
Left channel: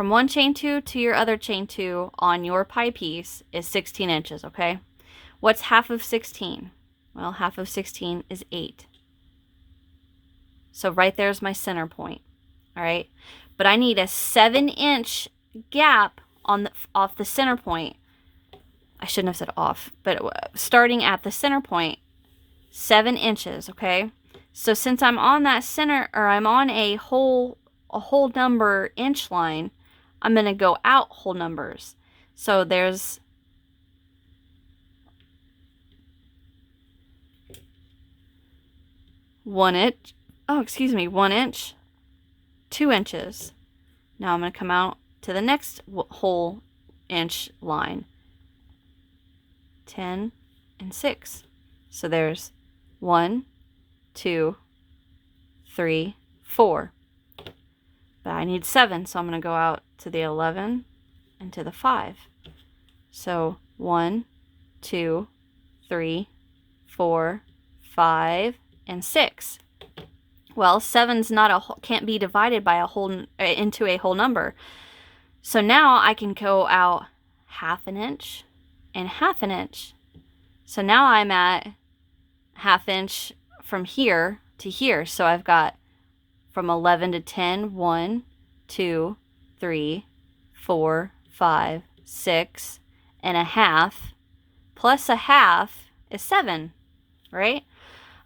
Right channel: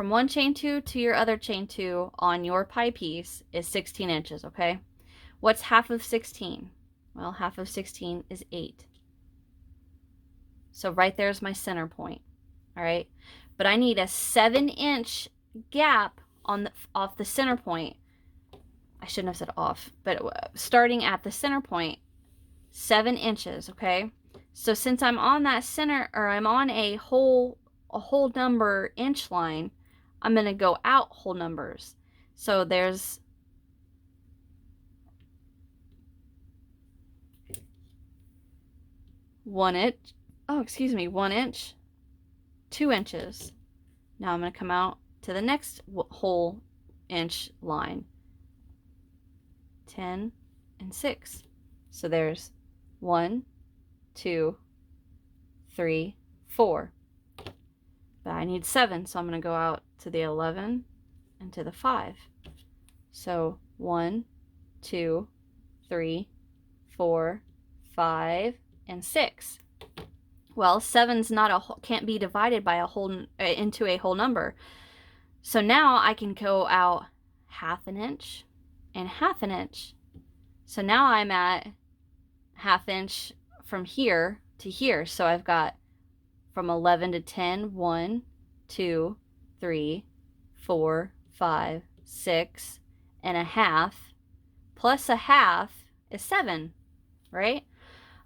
one chain 2 to your other chain 2 on your pie piece is 16 inches, okay? What's 1/2 of 16? Well, 1/2 of 16 is 8. So right there's my center point. All right? But I need a 7-inch gap off the center point. I shouldn't have said off, but starting at the center point, 7 inches, okay? So since I'm on that center, or I'm on a whole number inch line, I'm going to go out whole numbers. So there's 1 inch. Oh, excuse me, 1 inch, 2 inches. Now I'm going to come out to the next whole inch line. 10 and 6. So there's 1, 2, 3, 4. But I need 7, so I'm going to go out to the 11 and to the 5. So 1, 2, 3, 4, 5, and 6. Well, 7's can't be divided by into a whole number. So now I can go out 1/2 inch and 1/2 inch. So now I'm at 1/2 inch from here to here. So I've got from 11 to 10, 1, 2, 3, 4, 5, 6, and a 1/2 plus a 1/2 is 7, right?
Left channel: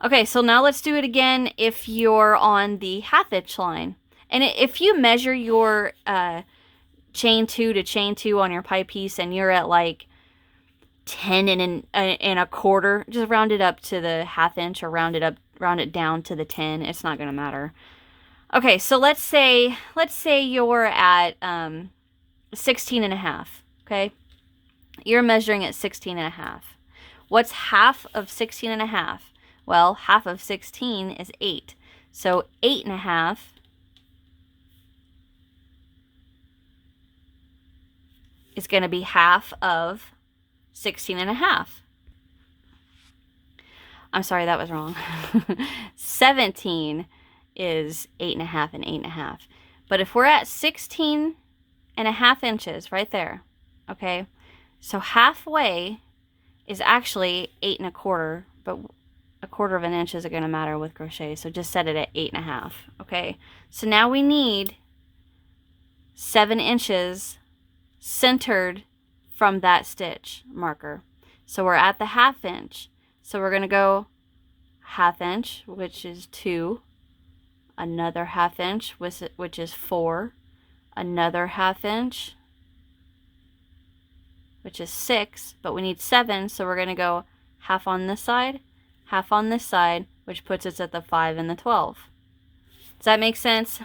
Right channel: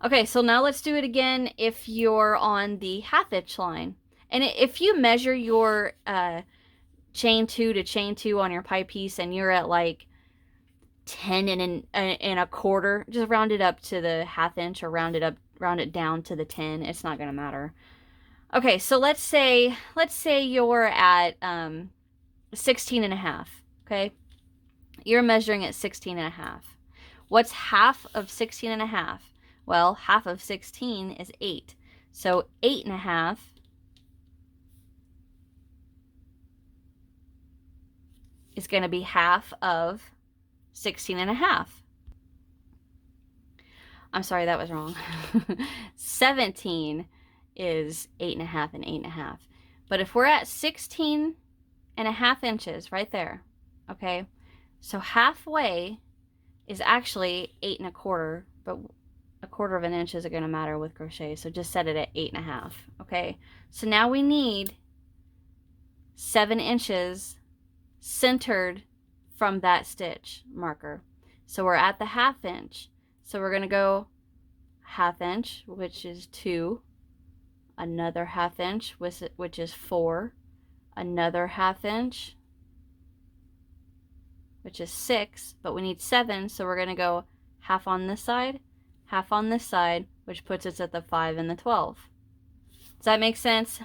Okay, so now let's do it again if you're on the 1/2 inch line. And if you measure your chain 2 to chain 2 on your pie piece and you're at like 10 and a quarter, just round it up to the 1/2 inch or round it down to the 10. It's not going to matter. Okay, so let's say you're at 16 and a half, okay? You're measuring at 16 and a half. What's 1/2 of 16 and a half? Well, 1/2 of 16 is 8. So 8 and a half is going to be 1/2 of 16 and a half. I'm sorry, that was wrong. 17 is 8 and a half and 8 and a half. But if we're at 16 and a half inches right there, okay? So halfway is actually 8 1/4, but 1/4 of an inch isn't going to matter with crochet, so just set it at 8 1/2. Okay, so now we need 7 inches centered from that stitch marker. So we're at the 1/2 inch, so we're going to go 1/2 inch, which is 2, another 1/2 inch, which is 4, another 1/2 inch, which is 6, but we need 7, so we're going to go 1/2 on this side, 1/2 on this side, which puts us at the 5 and the 12. Does that make sense?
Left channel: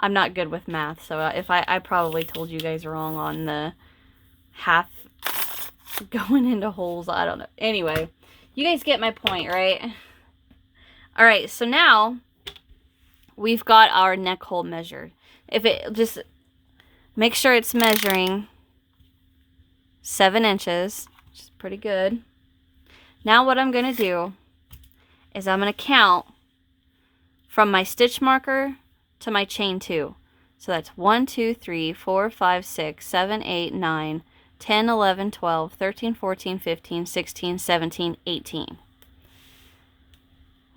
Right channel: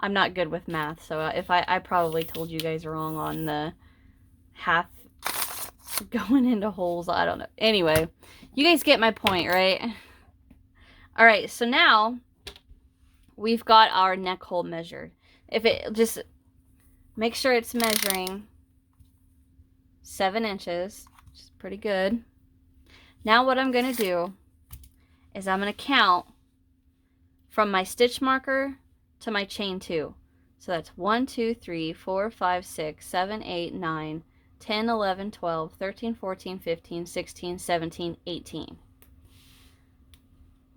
I'm not good with math, so if I probably told you guys wrong on the 1/2 going into holes, I don't know. Anyway, you guys get my point, right? All right, so now we've got our neck hole measured. If it just make sure it's measuring 7 inches, which is pretty good. Now what I'm going to do is I'm going to count from my stitch marker to my chain 2. So that's 1, 2, 3, 4, 5, 6, 7, 8, 9, 10, 11, 12, 13, 14, 15, 16, 17, 18.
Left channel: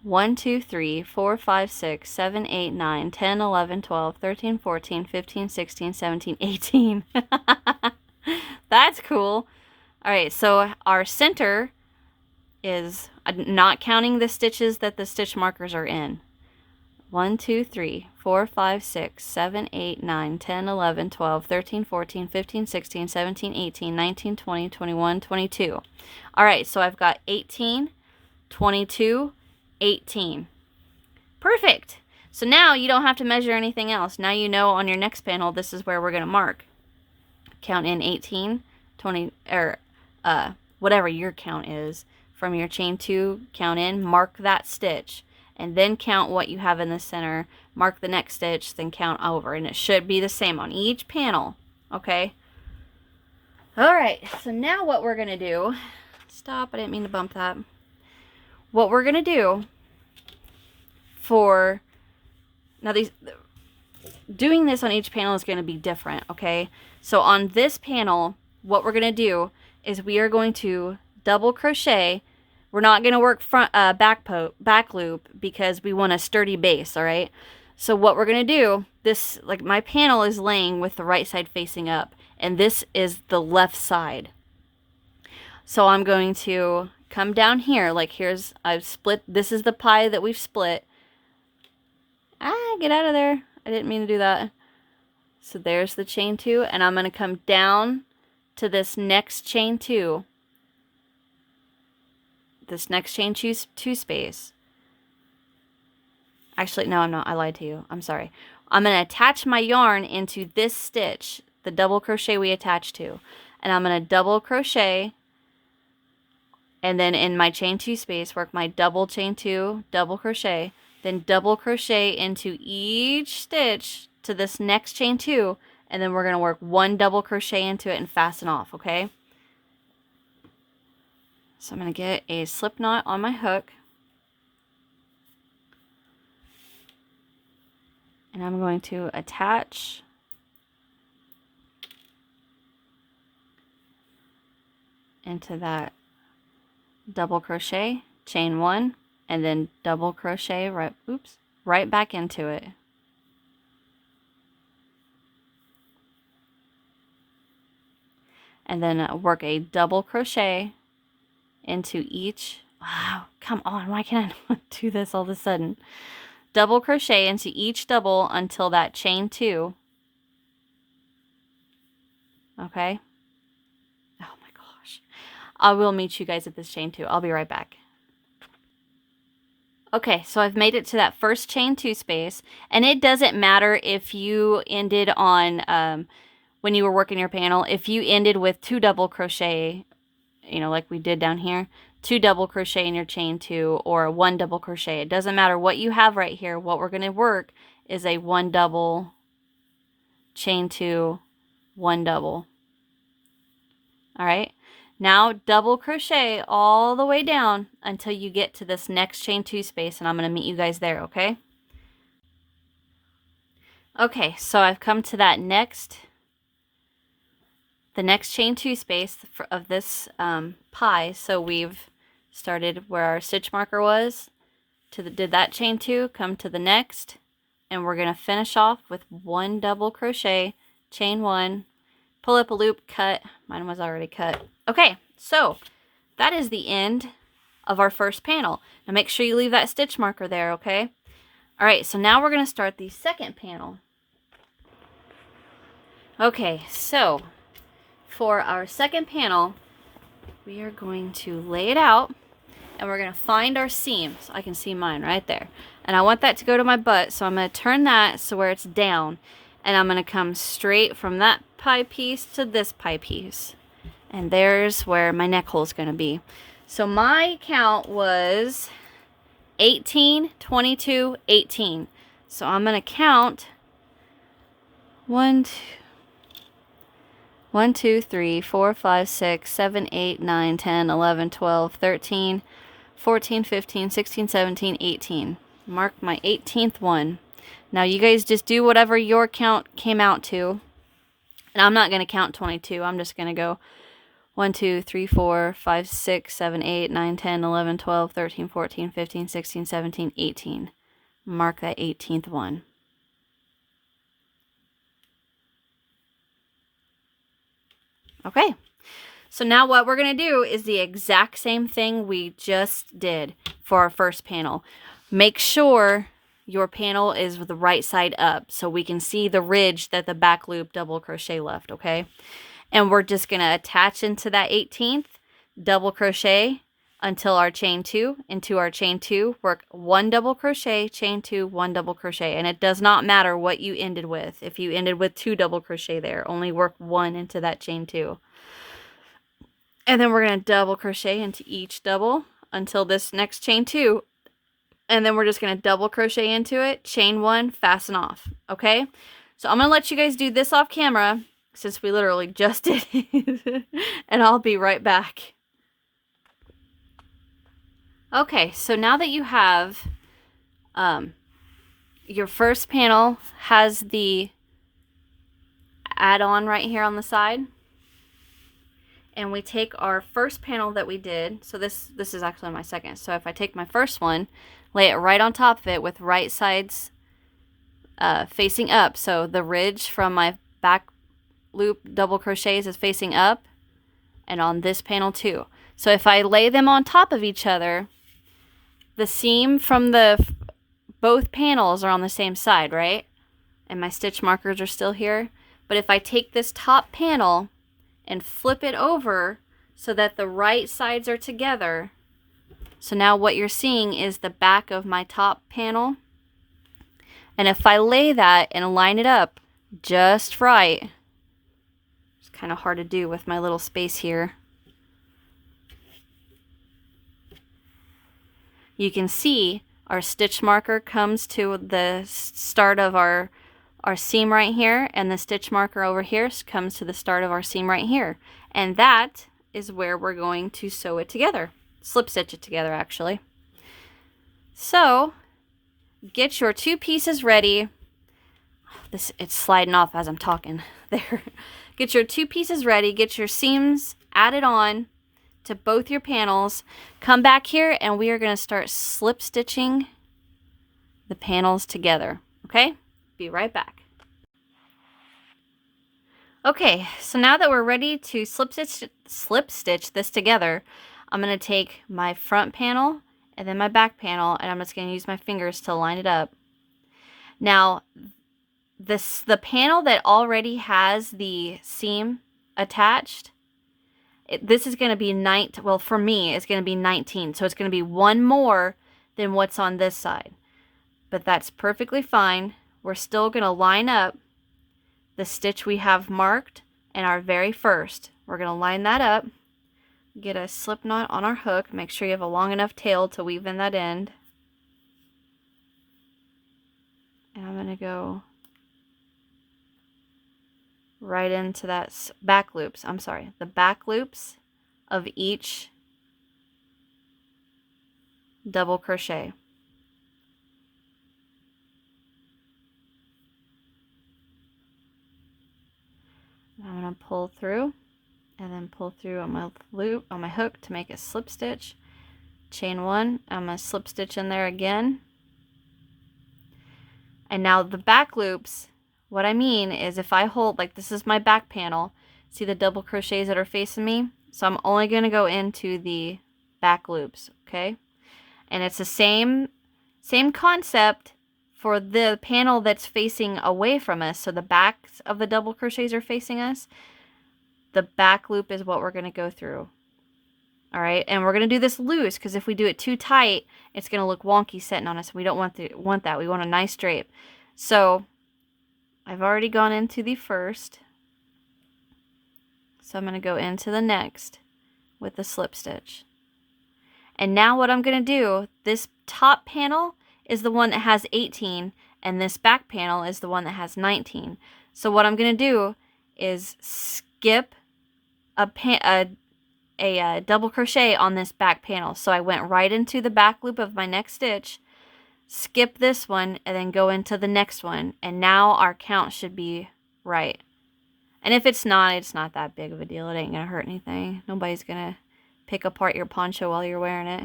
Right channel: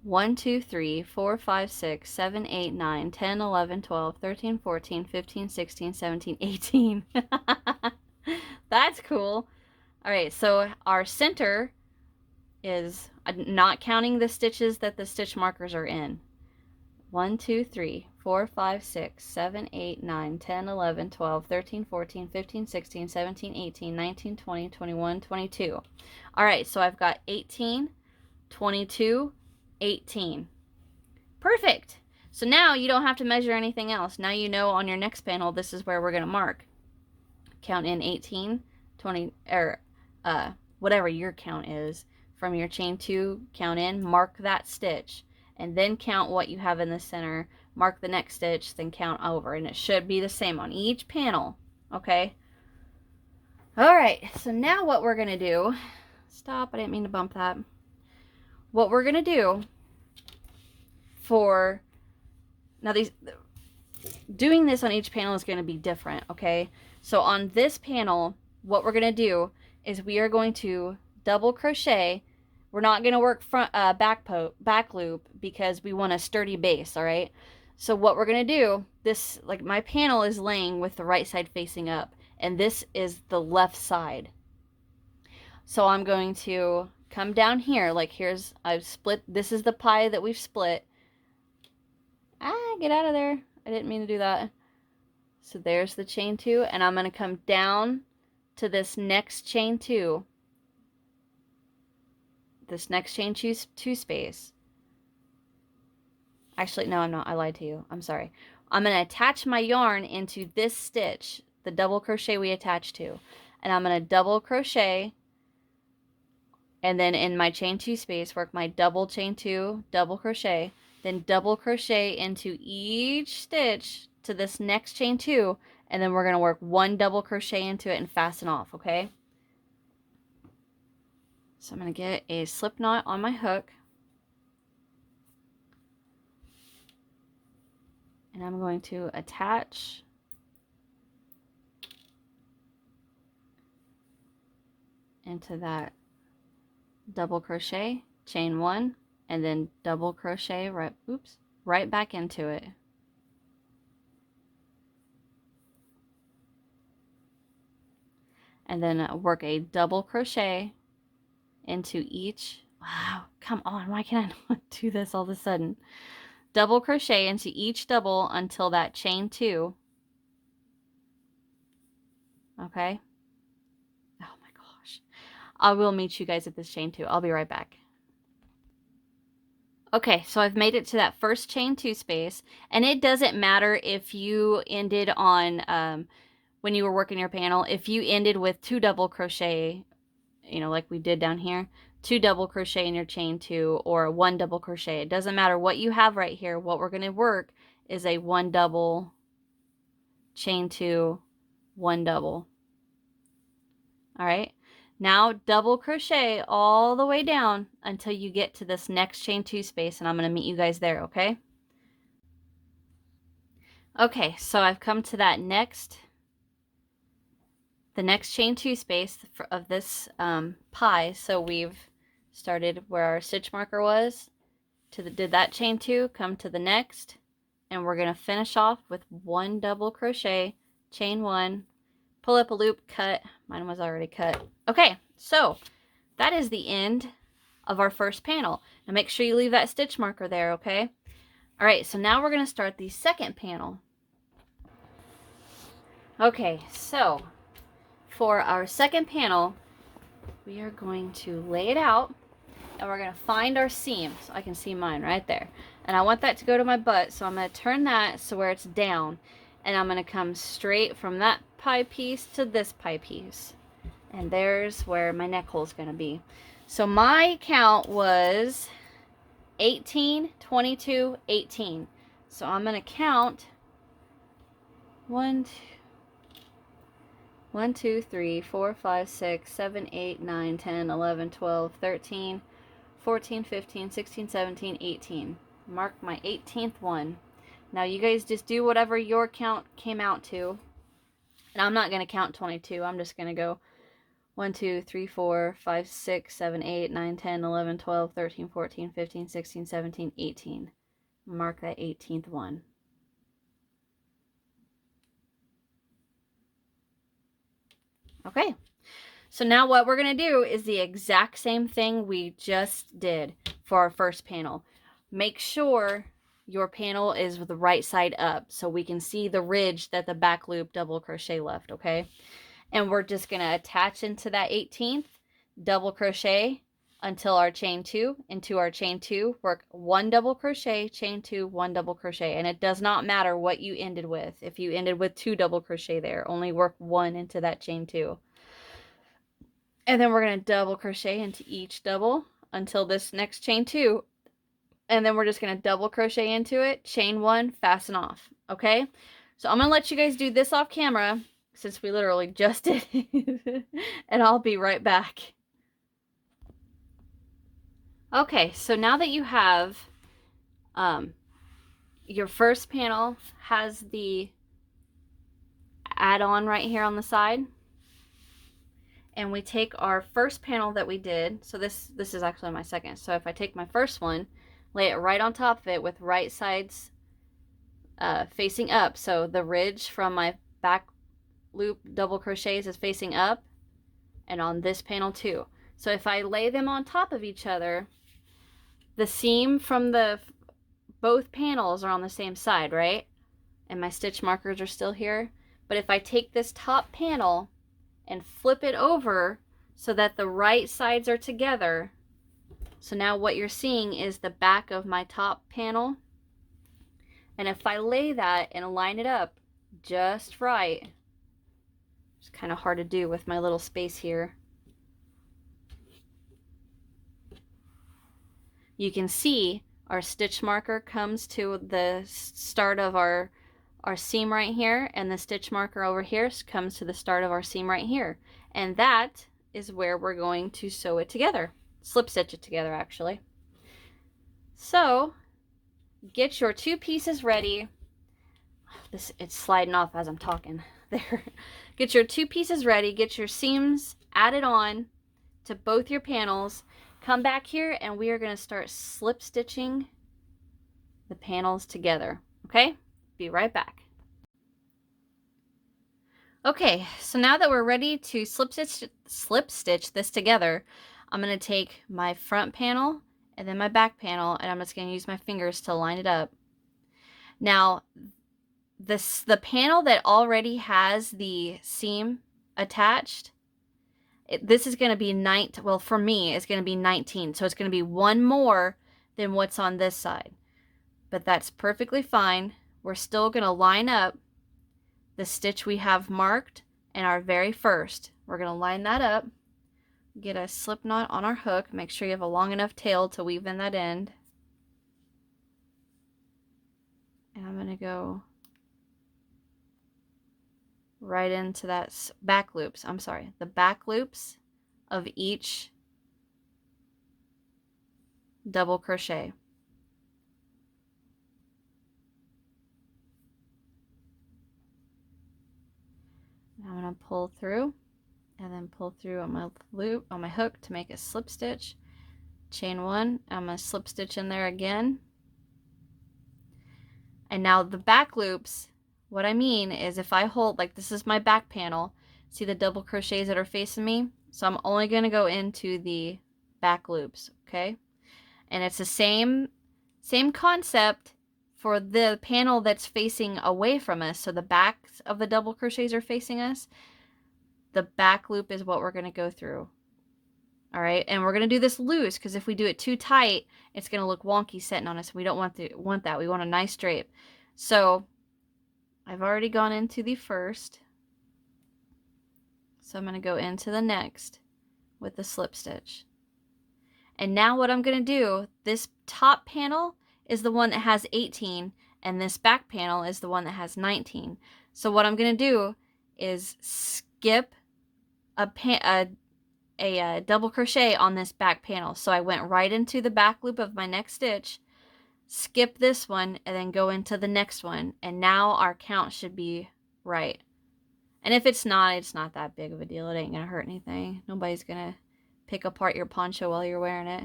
1, 2, 3, 4, 5, 6, 7, 8, 9, 10, 11, 12, 13, 14, 15, 16, 17, 18. That's cool. All right, so our center is not counting the stitches that the stitch markers are in. 1, 2, 3, 4, 5, 6, 7, 8, 9, 10, 11, 12, 13, 14, 15, 16, 17, 18, 19, 20, 21, 22. All right, so I've got 18, 22, 18. Perfect. So now you don't have to measure anything else. Now you know on your next panel, this is where we're going to mark. Count in 18, 20, or whatever your count is. From your chain 2, count in, mark that stitch, and then count what you have in the center, mark the next stitch, then count over, and it should be the same on each panel, okay? All right, so now what we're going to do, stop, I didn't mean to bump that. What we're going to do for, now doing this on each panel is going to be different, okay? So on this panel, what we're going to do is we are going to double crochet. We're not going to work front back loop because we want a sturdy base, all right? So what we're going to do, this, like my panel is laying with the right side facing up, and this is the left side. So I'm going to come down here, like I've split, this is the pie that we've split. Get out of there. I didn't mean to do that. So there's the chain 2, and I'm going to come down to this next chain 2. This next chain 2 space. Actually, no, I'm not. I lied to you. I'm sorry. I'm going to attach my yarn into this stitch, the double crochet we attached to. And I'm going to double crochet, and then in my chain 2 space, work my double chain 2, double crochet, then double crochet into each stitch to this next chain 2, and then we're going to work 1 double crochet into it and fasten off, okay? So I'm going to get a slip knot on my hook, and I'm going to attach into that double crochet, chain 1, and then double crochet right back into it. And then work a double crochet into each, wow, come on, why can't I not do this all of a sudden? Double crochet into each double until that chain 2. Okay? Oh my gosh. I will meet you guys at this chain 2. I'll be right back. Okay, so I've made it to that first chain 2 space, and it doesn't matter if you ended on, when you were working your panel, if you ended with 2 double crochet, you know, like we did down here, 2 double crochet in your chain 2, or 1 double crochet. It doesn't matter what you have right here. What we're going to work is a 1 double, chain 2, 1 double. All right. Now double crochet all the way down until you get to this next chain 2 space, and I'm going to meet you guys there, okay? Okay, so I've come to that next the next chain 2 space of this pie. So we've started where our stitch marker was, did that chain 2, come to the next, and we're going to finish off with 1 double crochet, chain 1, pull up a loop, cut. Mine was already cut. Okay, so that is the end of our first panel. Now make sure you leave that stitch marker there, okay? All right, so now we're going to start the second panel. Okay, so for our second panel, we are going to lay it out, and we're going to find our seam. So I can see mine right there. And I want that to go to my butt, so I'm going to turn that so where it's down. And I'm going to come straight from that pie piece to this pie piece. And there's where my neck hole is going to be. So my count was 18, 22, 18. So I'm going to count 1, 2, 3, 4, 5, 6, 7, 8, 9, 10, 11, 12, 13, 14, 15, 16, 17, 18. Mark my 18th one. Now you guys just do whatever your count came out to. And I'm not going to count 22. I'm just going to go 1, 2, 3, 4, 5, 6, 7, 8, 9, 10, 11, 12, 13, 14, 15, 16, 17, 18. Mark that 18th one. Okay. So now what we're going to do is the exact same thing we just did for our first panel. Make sure your panel is with the right side up so we can see the ridge that the back loop double crochet left, okay? And we're just going to attach into that 18th, double crochet until our chain 2. Into our chain 2, work 1 double crochet, chain 2, 1 double crochet. And it does not matter what you ended with. If you ended with 2 double crochet there, only work 1 into that chain 2. And then we're going to double crochet into each double until this next chain 2. And then we're just going to double crochet into it, chain 1, fasten off. Okay? So I'm going to let you guys do this off camera since we literally just did it. And I'll be right back. Okay, so now that you have your first panel has the add-on right here on the side. And we take our first panel that we did, so this is actually my second. So if I take my first one, lay it right on top of it with right sides facing up. So the ridge from my back loop double crochets is facing up, and on this panel too. So if I lay them on top of each other, the seam from both panels are on the same side, right? And my stitch markers are still here. But if I take this top panel and flip it over so that the right sides are together. So now what you're seeing is the back of my top panel. And if I lay that and line it up just right, it's kind of hard to do with my little space here. You can see our stitch marker comes to the start of our seam right here, and the stitch marker over here comes to the start of our seam right here. And that is where we're going to sew it together. Slip stitch it together, actually. So, get your 2 pieces ready. It's sliding off as I'm talking. There. Get your 2 pieces ready. Get your seams added on to both your panels. Come back here and we are going to start slip stitching the panels together. Okay? Be right back. Okay, so now that we're ready to slip stitch this together, I'm going to take my front panel and then my back panel, and I'm just going to use my fingers to line it up. Now, the panel that already has the seam attached, this is going to be well, for me, it's going to be 19. So it's going to be 1 more than what's on this side. But that's perfectly fine. We're still going to line up the stitch we have marked in our very first. We're going to line that up, get a slip knot on our hook, make sure you have a long enough tail to weave in that end. And I'm going to go right into that back loops. I'm sorry, the back loops of each double crochet. I'm going to pull through and then pull through on my loop, on my hook to make a slip stitch. Chain 1, I'm going to slip stitch in there again. And now the back loops, what I mean is if I hold, like this is my back panel, see the double crochets that are facing me? So I'm only going to go into the back loops, okay? And it's the same concept for the panel that's facing away from us. So the backs of the double crochets are facing us. The back loop is what we're going to go through. All right, and we're going to do this loose because if we do it too tight, it's going to look wonky setting on us. We don't want that. We want a nice drape. So I've already gone into the first. So I'm going to go into the next with the slip stitch. And now what I'm going to do, this top panel is the one that has 18 and this back panel is the one that has 19. So what I'm going to do is skip a double crochet on this back panel. So I went right into the back loop of my next stitch, skip this one, and then go into the next one. And now our count should be right. And if it's not that big of a deal. It ain't going to hurt anything. Nobody's going to pick apart your poncho while you're wearing it.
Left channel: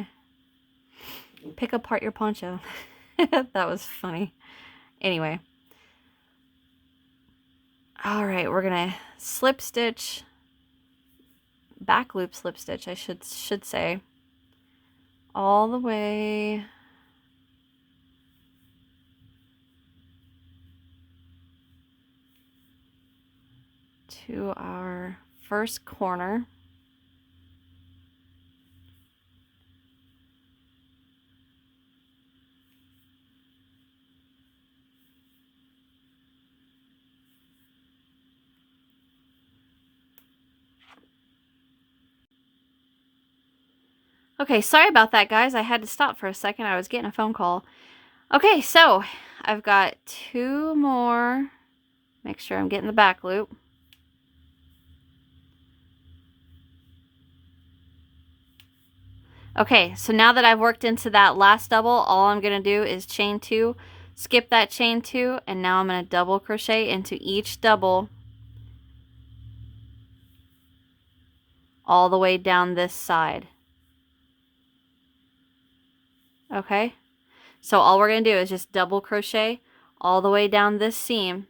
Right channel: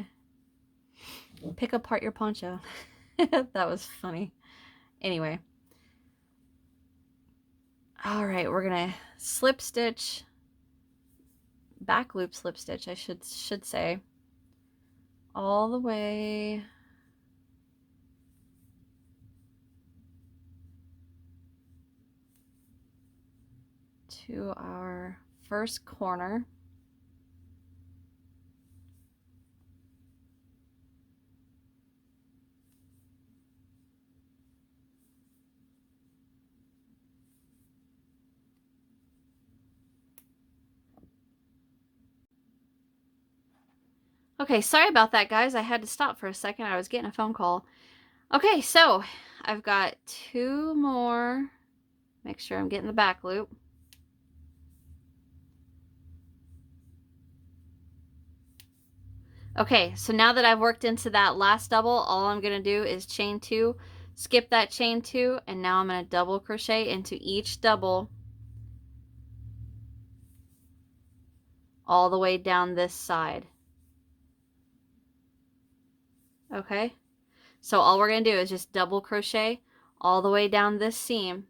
Pick apart your poncho. That was funny. Anyway. Alright, we're going to slip stitch, back loop slip stitch, I should say, all the way to our first corner. Okay, sorry about that, guys. I had to stop for a second. I was getting a phone call. Okay, so I've got 2 more. Make sure I'm getting the back loop. Okay, so now that I've worked into that last double, all I'm going to do is chain 2, skip that chain 2, and now I'm going to double crochet into each double all the way down this side. Okay, so all we're going to do is just double crochet all the way down this seam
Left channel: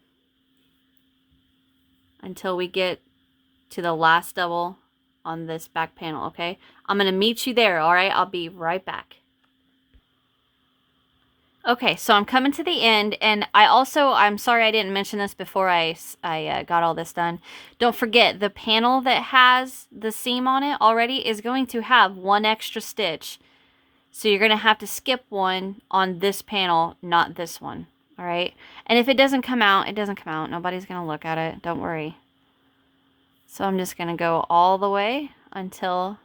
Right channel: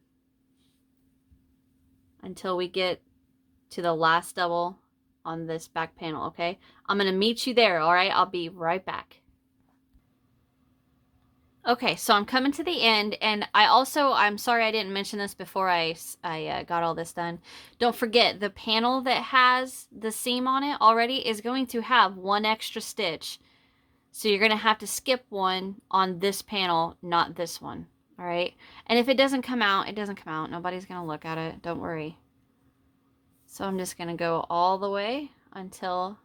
until we get to the last double on this back panel. Okay, I'm going to meet you there. All right, I'll be right back. Okay, so I'm coming to the end, and I'm sorry I didn't mention this before I got all this done. Don't forget, the panel that has the seam on it already is going to have 1 extra stitch. So you're going to have to skip one on this panel, not this one. All right, and if it doesn't come out, it doesn't come out. Nobody's going to look at it. Don't worry. So I'm just going to go all the way until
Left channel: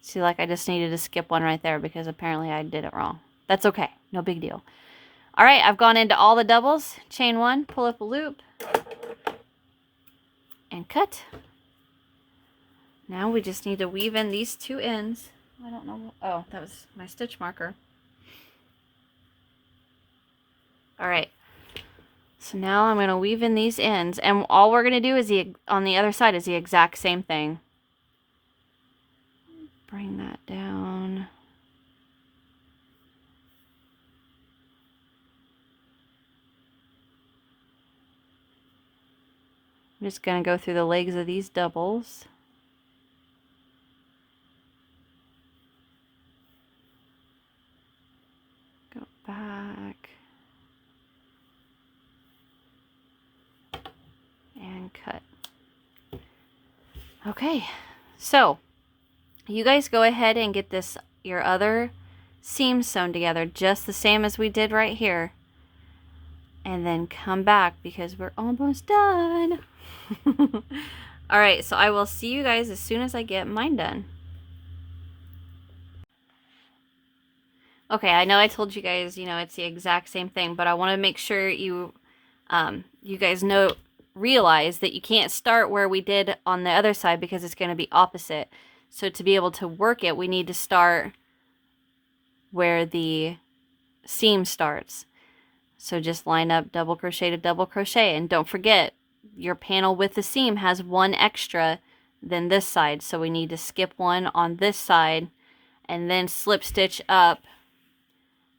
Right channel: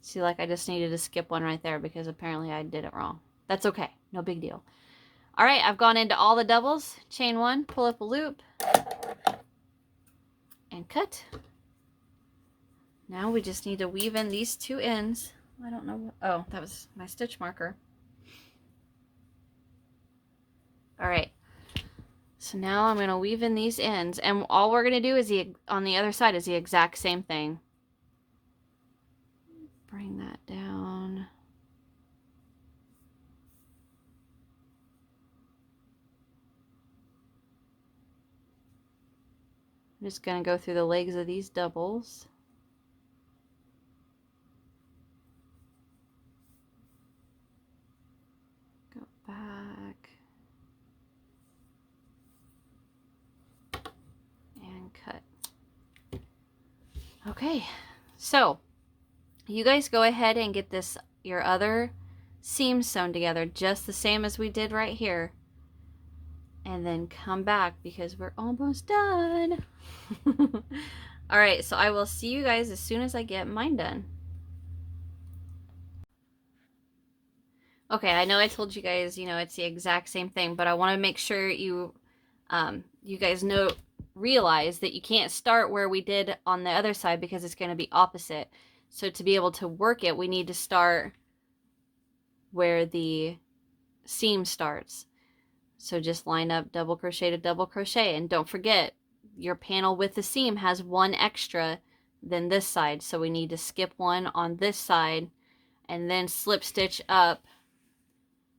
see, like I just needed to skip one right there because apparently I did it wrong. That's okay. No big deal. All right, I've gone into all the doubles. Chain 1, pull up a loop, and cut. Now we just need to weave in these 2 ends. I don't know. Oh, that was my stitch marker. All right. So now I'm going to weave in these ends, and all we're going to do is on the other side is the exact same thing. Bring that down. I'm just going to go through the legs of these doubles. Go back. And cut. Okay, so you guys go ahead and get your other seam sewn together just the same as we did right here. And then come back because we're almost done. All right, so I will see you guys as soon as I get mine done. Okay, I know I told you guys, it's the exact same thing, but I want to make sure you guys realize that you can't start where we did on the other side because it's going to be opposite. So to be able to work it, we need to start where the seam starts. So just line up double crochet to double crochet. And don't forget, your panel with the seam has one extra than this side. So we need to skip one on this side and then slip stitch up,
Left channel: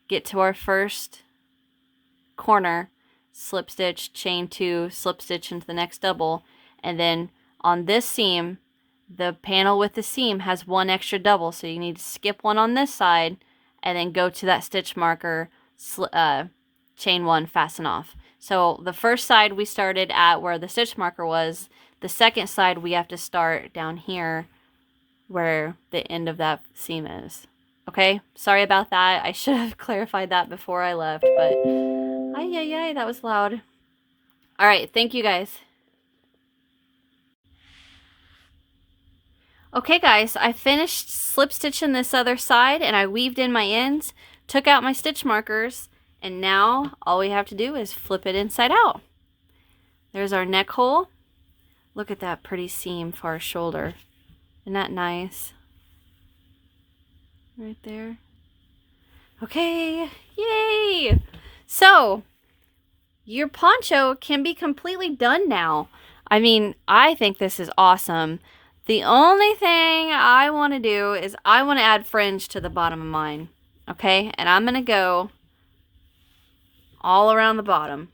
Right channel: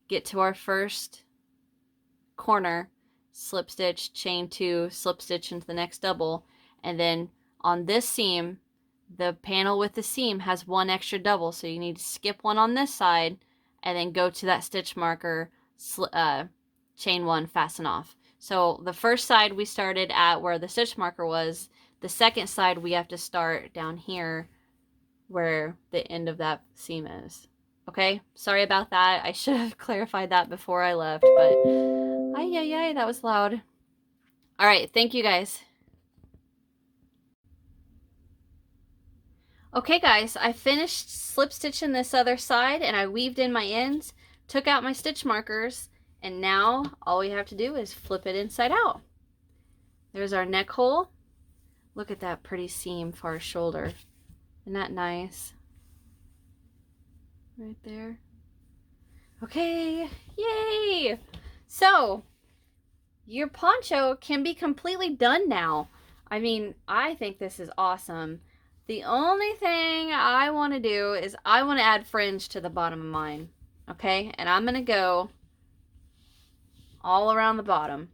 get to our first corner, slip stitch, chain 2, slip stitch into the next double, and then on this seam, the panel with the seam has one extra double, so you need to skip one on this side and then go to that stitch marker, chain 1, fasten off. So the first side we started at where the stitch marker was. The second side we have to start down here where the end of that seam is. Okay, sorry about that. I should have clarified that before I left, but ay, that was loud. All right, thank you guys. Okay guys, I finished slip stitching this other side and I weaved in my ends, took out my stitch markers, and now all we have to do is flip it inside out. There's our neck hole. Look at that pretty seam for our shoulder. Isn't that nice? Right there. Okay, yay! So, your poncho can be completely done now. I mean, I think this is awesome. The only thing I want to do is I want to add fringe to the bottom of mine. Okay, and I'm going to go all around the bottom.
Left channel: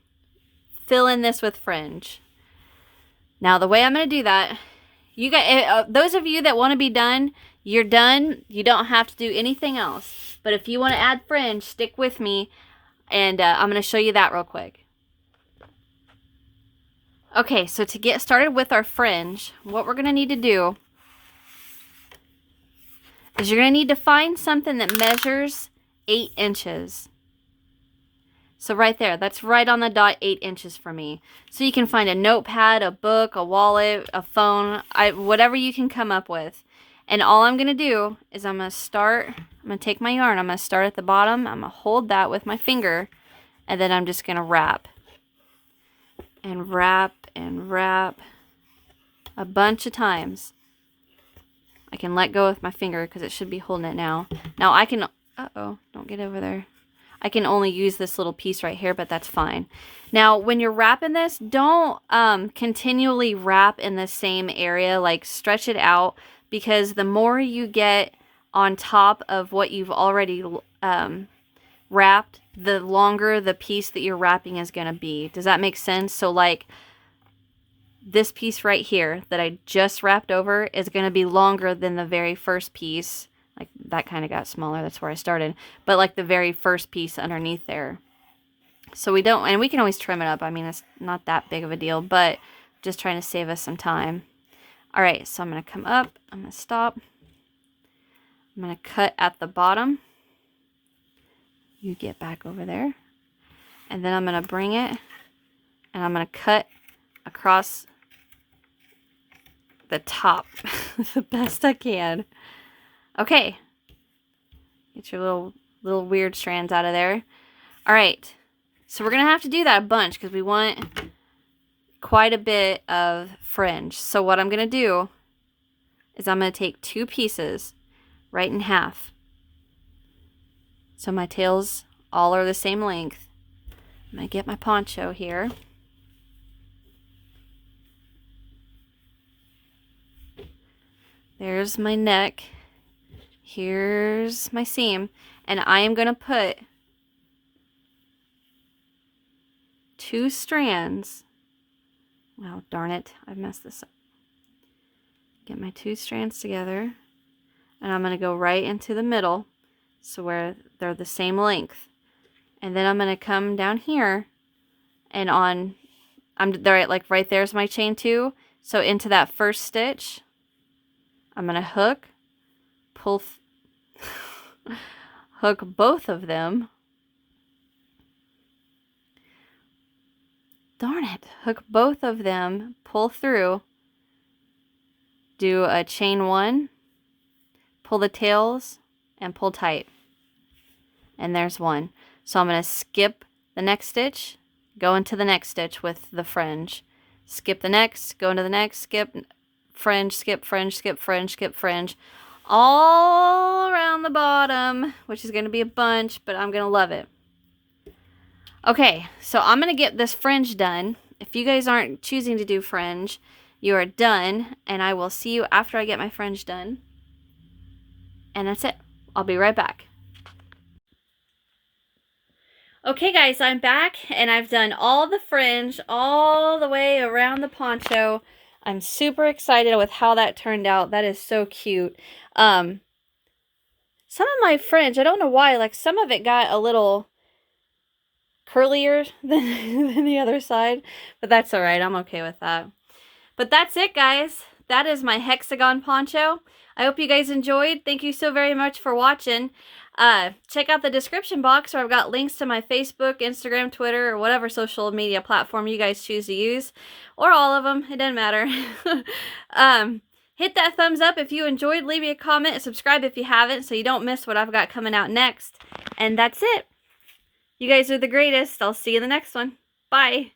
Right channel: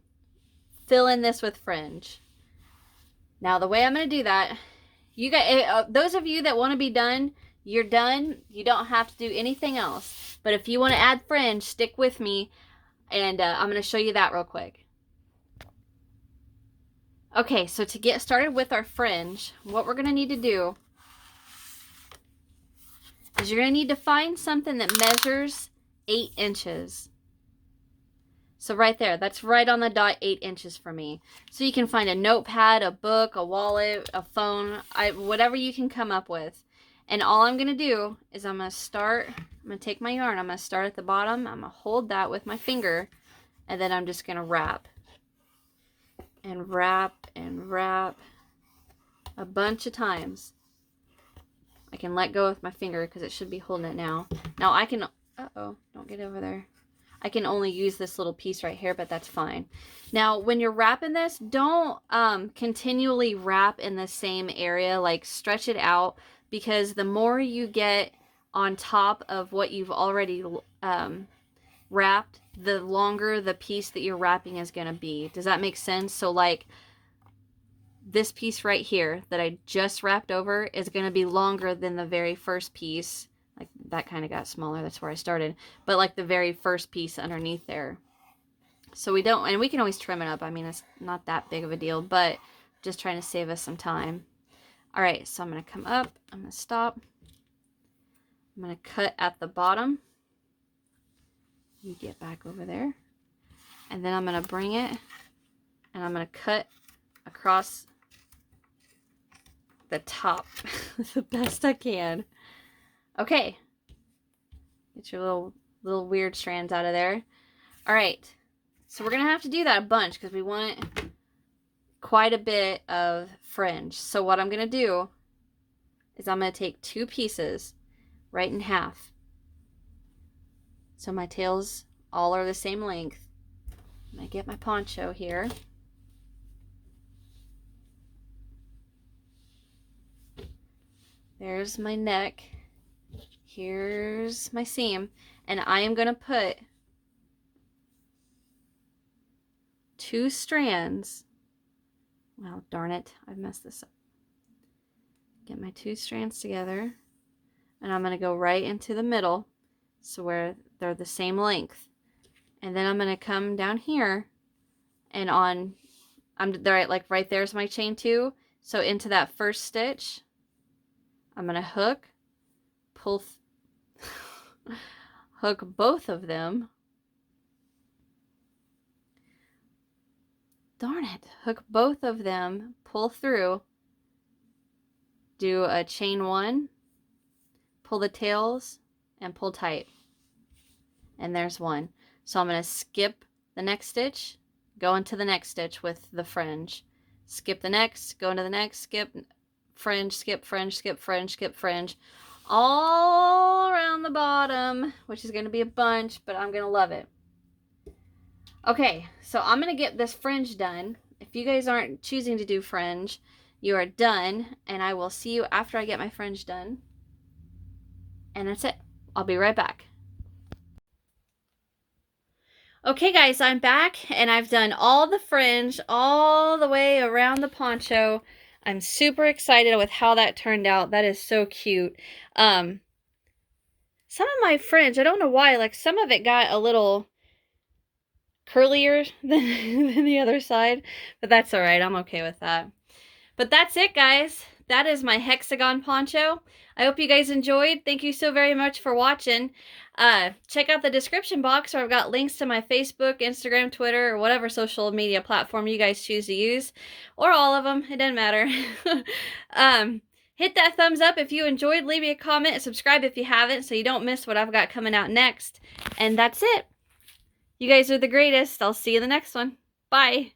Fill in this with fringe. Now, the way I'm going to do that, you guys, those of you that want to be done, you're done. You don't have to do anything else. But if you want to add fringe, stick with me, and I'm going to show you that real quick. Okay, so to get started with our fringe, what we're going to need to do is you're going to need to find something that measures 8 inches. So right there, that's right on the dot, 8 inches for me. So you can find a notepad, a book, a wallet, a phone, whatever you can come up with. And all I'm going to do is I'm going to take my yarn, I'm going to start at the bottom, I'm going to hold that with my finger, and then I'm just going to wrap. And wrap and wrap a bunch of times. I can let go with my finger because it should be holding it now. Now I can, uh-oh, don't get over there. I can only use this little piece right here, but that's fine. Now, when you're wrapping this, don't continually wrap in the same area. Like, stretch it out, because the more you get on top of what you've already wrapped, the longer the piece that you're wrapping is going to be. Does that make sense? So like this piece right here that I just wrapped over is going to be longer than the very first piece. Like that kind of got smaller. That's where I started. But like the very first piece underneath there. So we don't, and we can always trim it up. I mean, it's not that big of a deal, but just trying to save us some time. All right, so I'm going to come up. I'm going to stop. I'm going to cut at the bottom. You get back over there, and then I'm going to bring it and I'm going to cut across the top the best I can. Okay, get your little weird strands out of there. All right, so we're going to have to do that a bunch because we want quite a bit of fringe. So what I'm going to do is I'm going to take 2 pieces right in half. So my tails all are the same length. I'm going to get my poncho here. There's my neck. Here's my seam. And I am going to put 2 strands. Wow, darn it. I've messed this up. Get my 2 strands together. And I'm going to go right into the middle. So where they're the same length. And then I'm going to come down here and they're like right there's my chain 2. So into that first stitch, I'm going to hook, pull, hook both of them. Darn it. Hook both of them, pull through, do a chain 1, pull the tails, and pull tight. And there's one. So I'm going to skip the next stitch, go into the next stitch with the fringe. Skip the next, go into the next, skip, fringe, skip, fringe, skip, fringe, skip, fringe. All around the bottom, which is going to be a bunch, but I'm going to love it. Okay, so I'm going to get this fringe done. If you guys aren't choosing to do fringe, you are done, and I will see you after I get my fringe done. And that's it. I'll be right back. Okay guys, I'm back, and I've done all the fringe all the way around the poncho. I'm super excited with how that turned out. That is so cute. Some of my fringe, I don't know why, like some of it got a little curlier than the other side, but that's all right. I'm okay with that. But that's it, guys. That is my hexagon poncho. I hope you guys enjoyed. Thank you so very much for watching. Check out the description box where I've got links to my Facebook, Instagram, Twitter, or whatever social media platform you guys choose to use, or all of them. It doesn't matter. Hit that thumbs up if you enjoyed. Leave me a comment and subscribe if you haven't so you don't miss what I've got coming out next. And that's it. You guys are the greatest. I'll see you in the next one. Bye.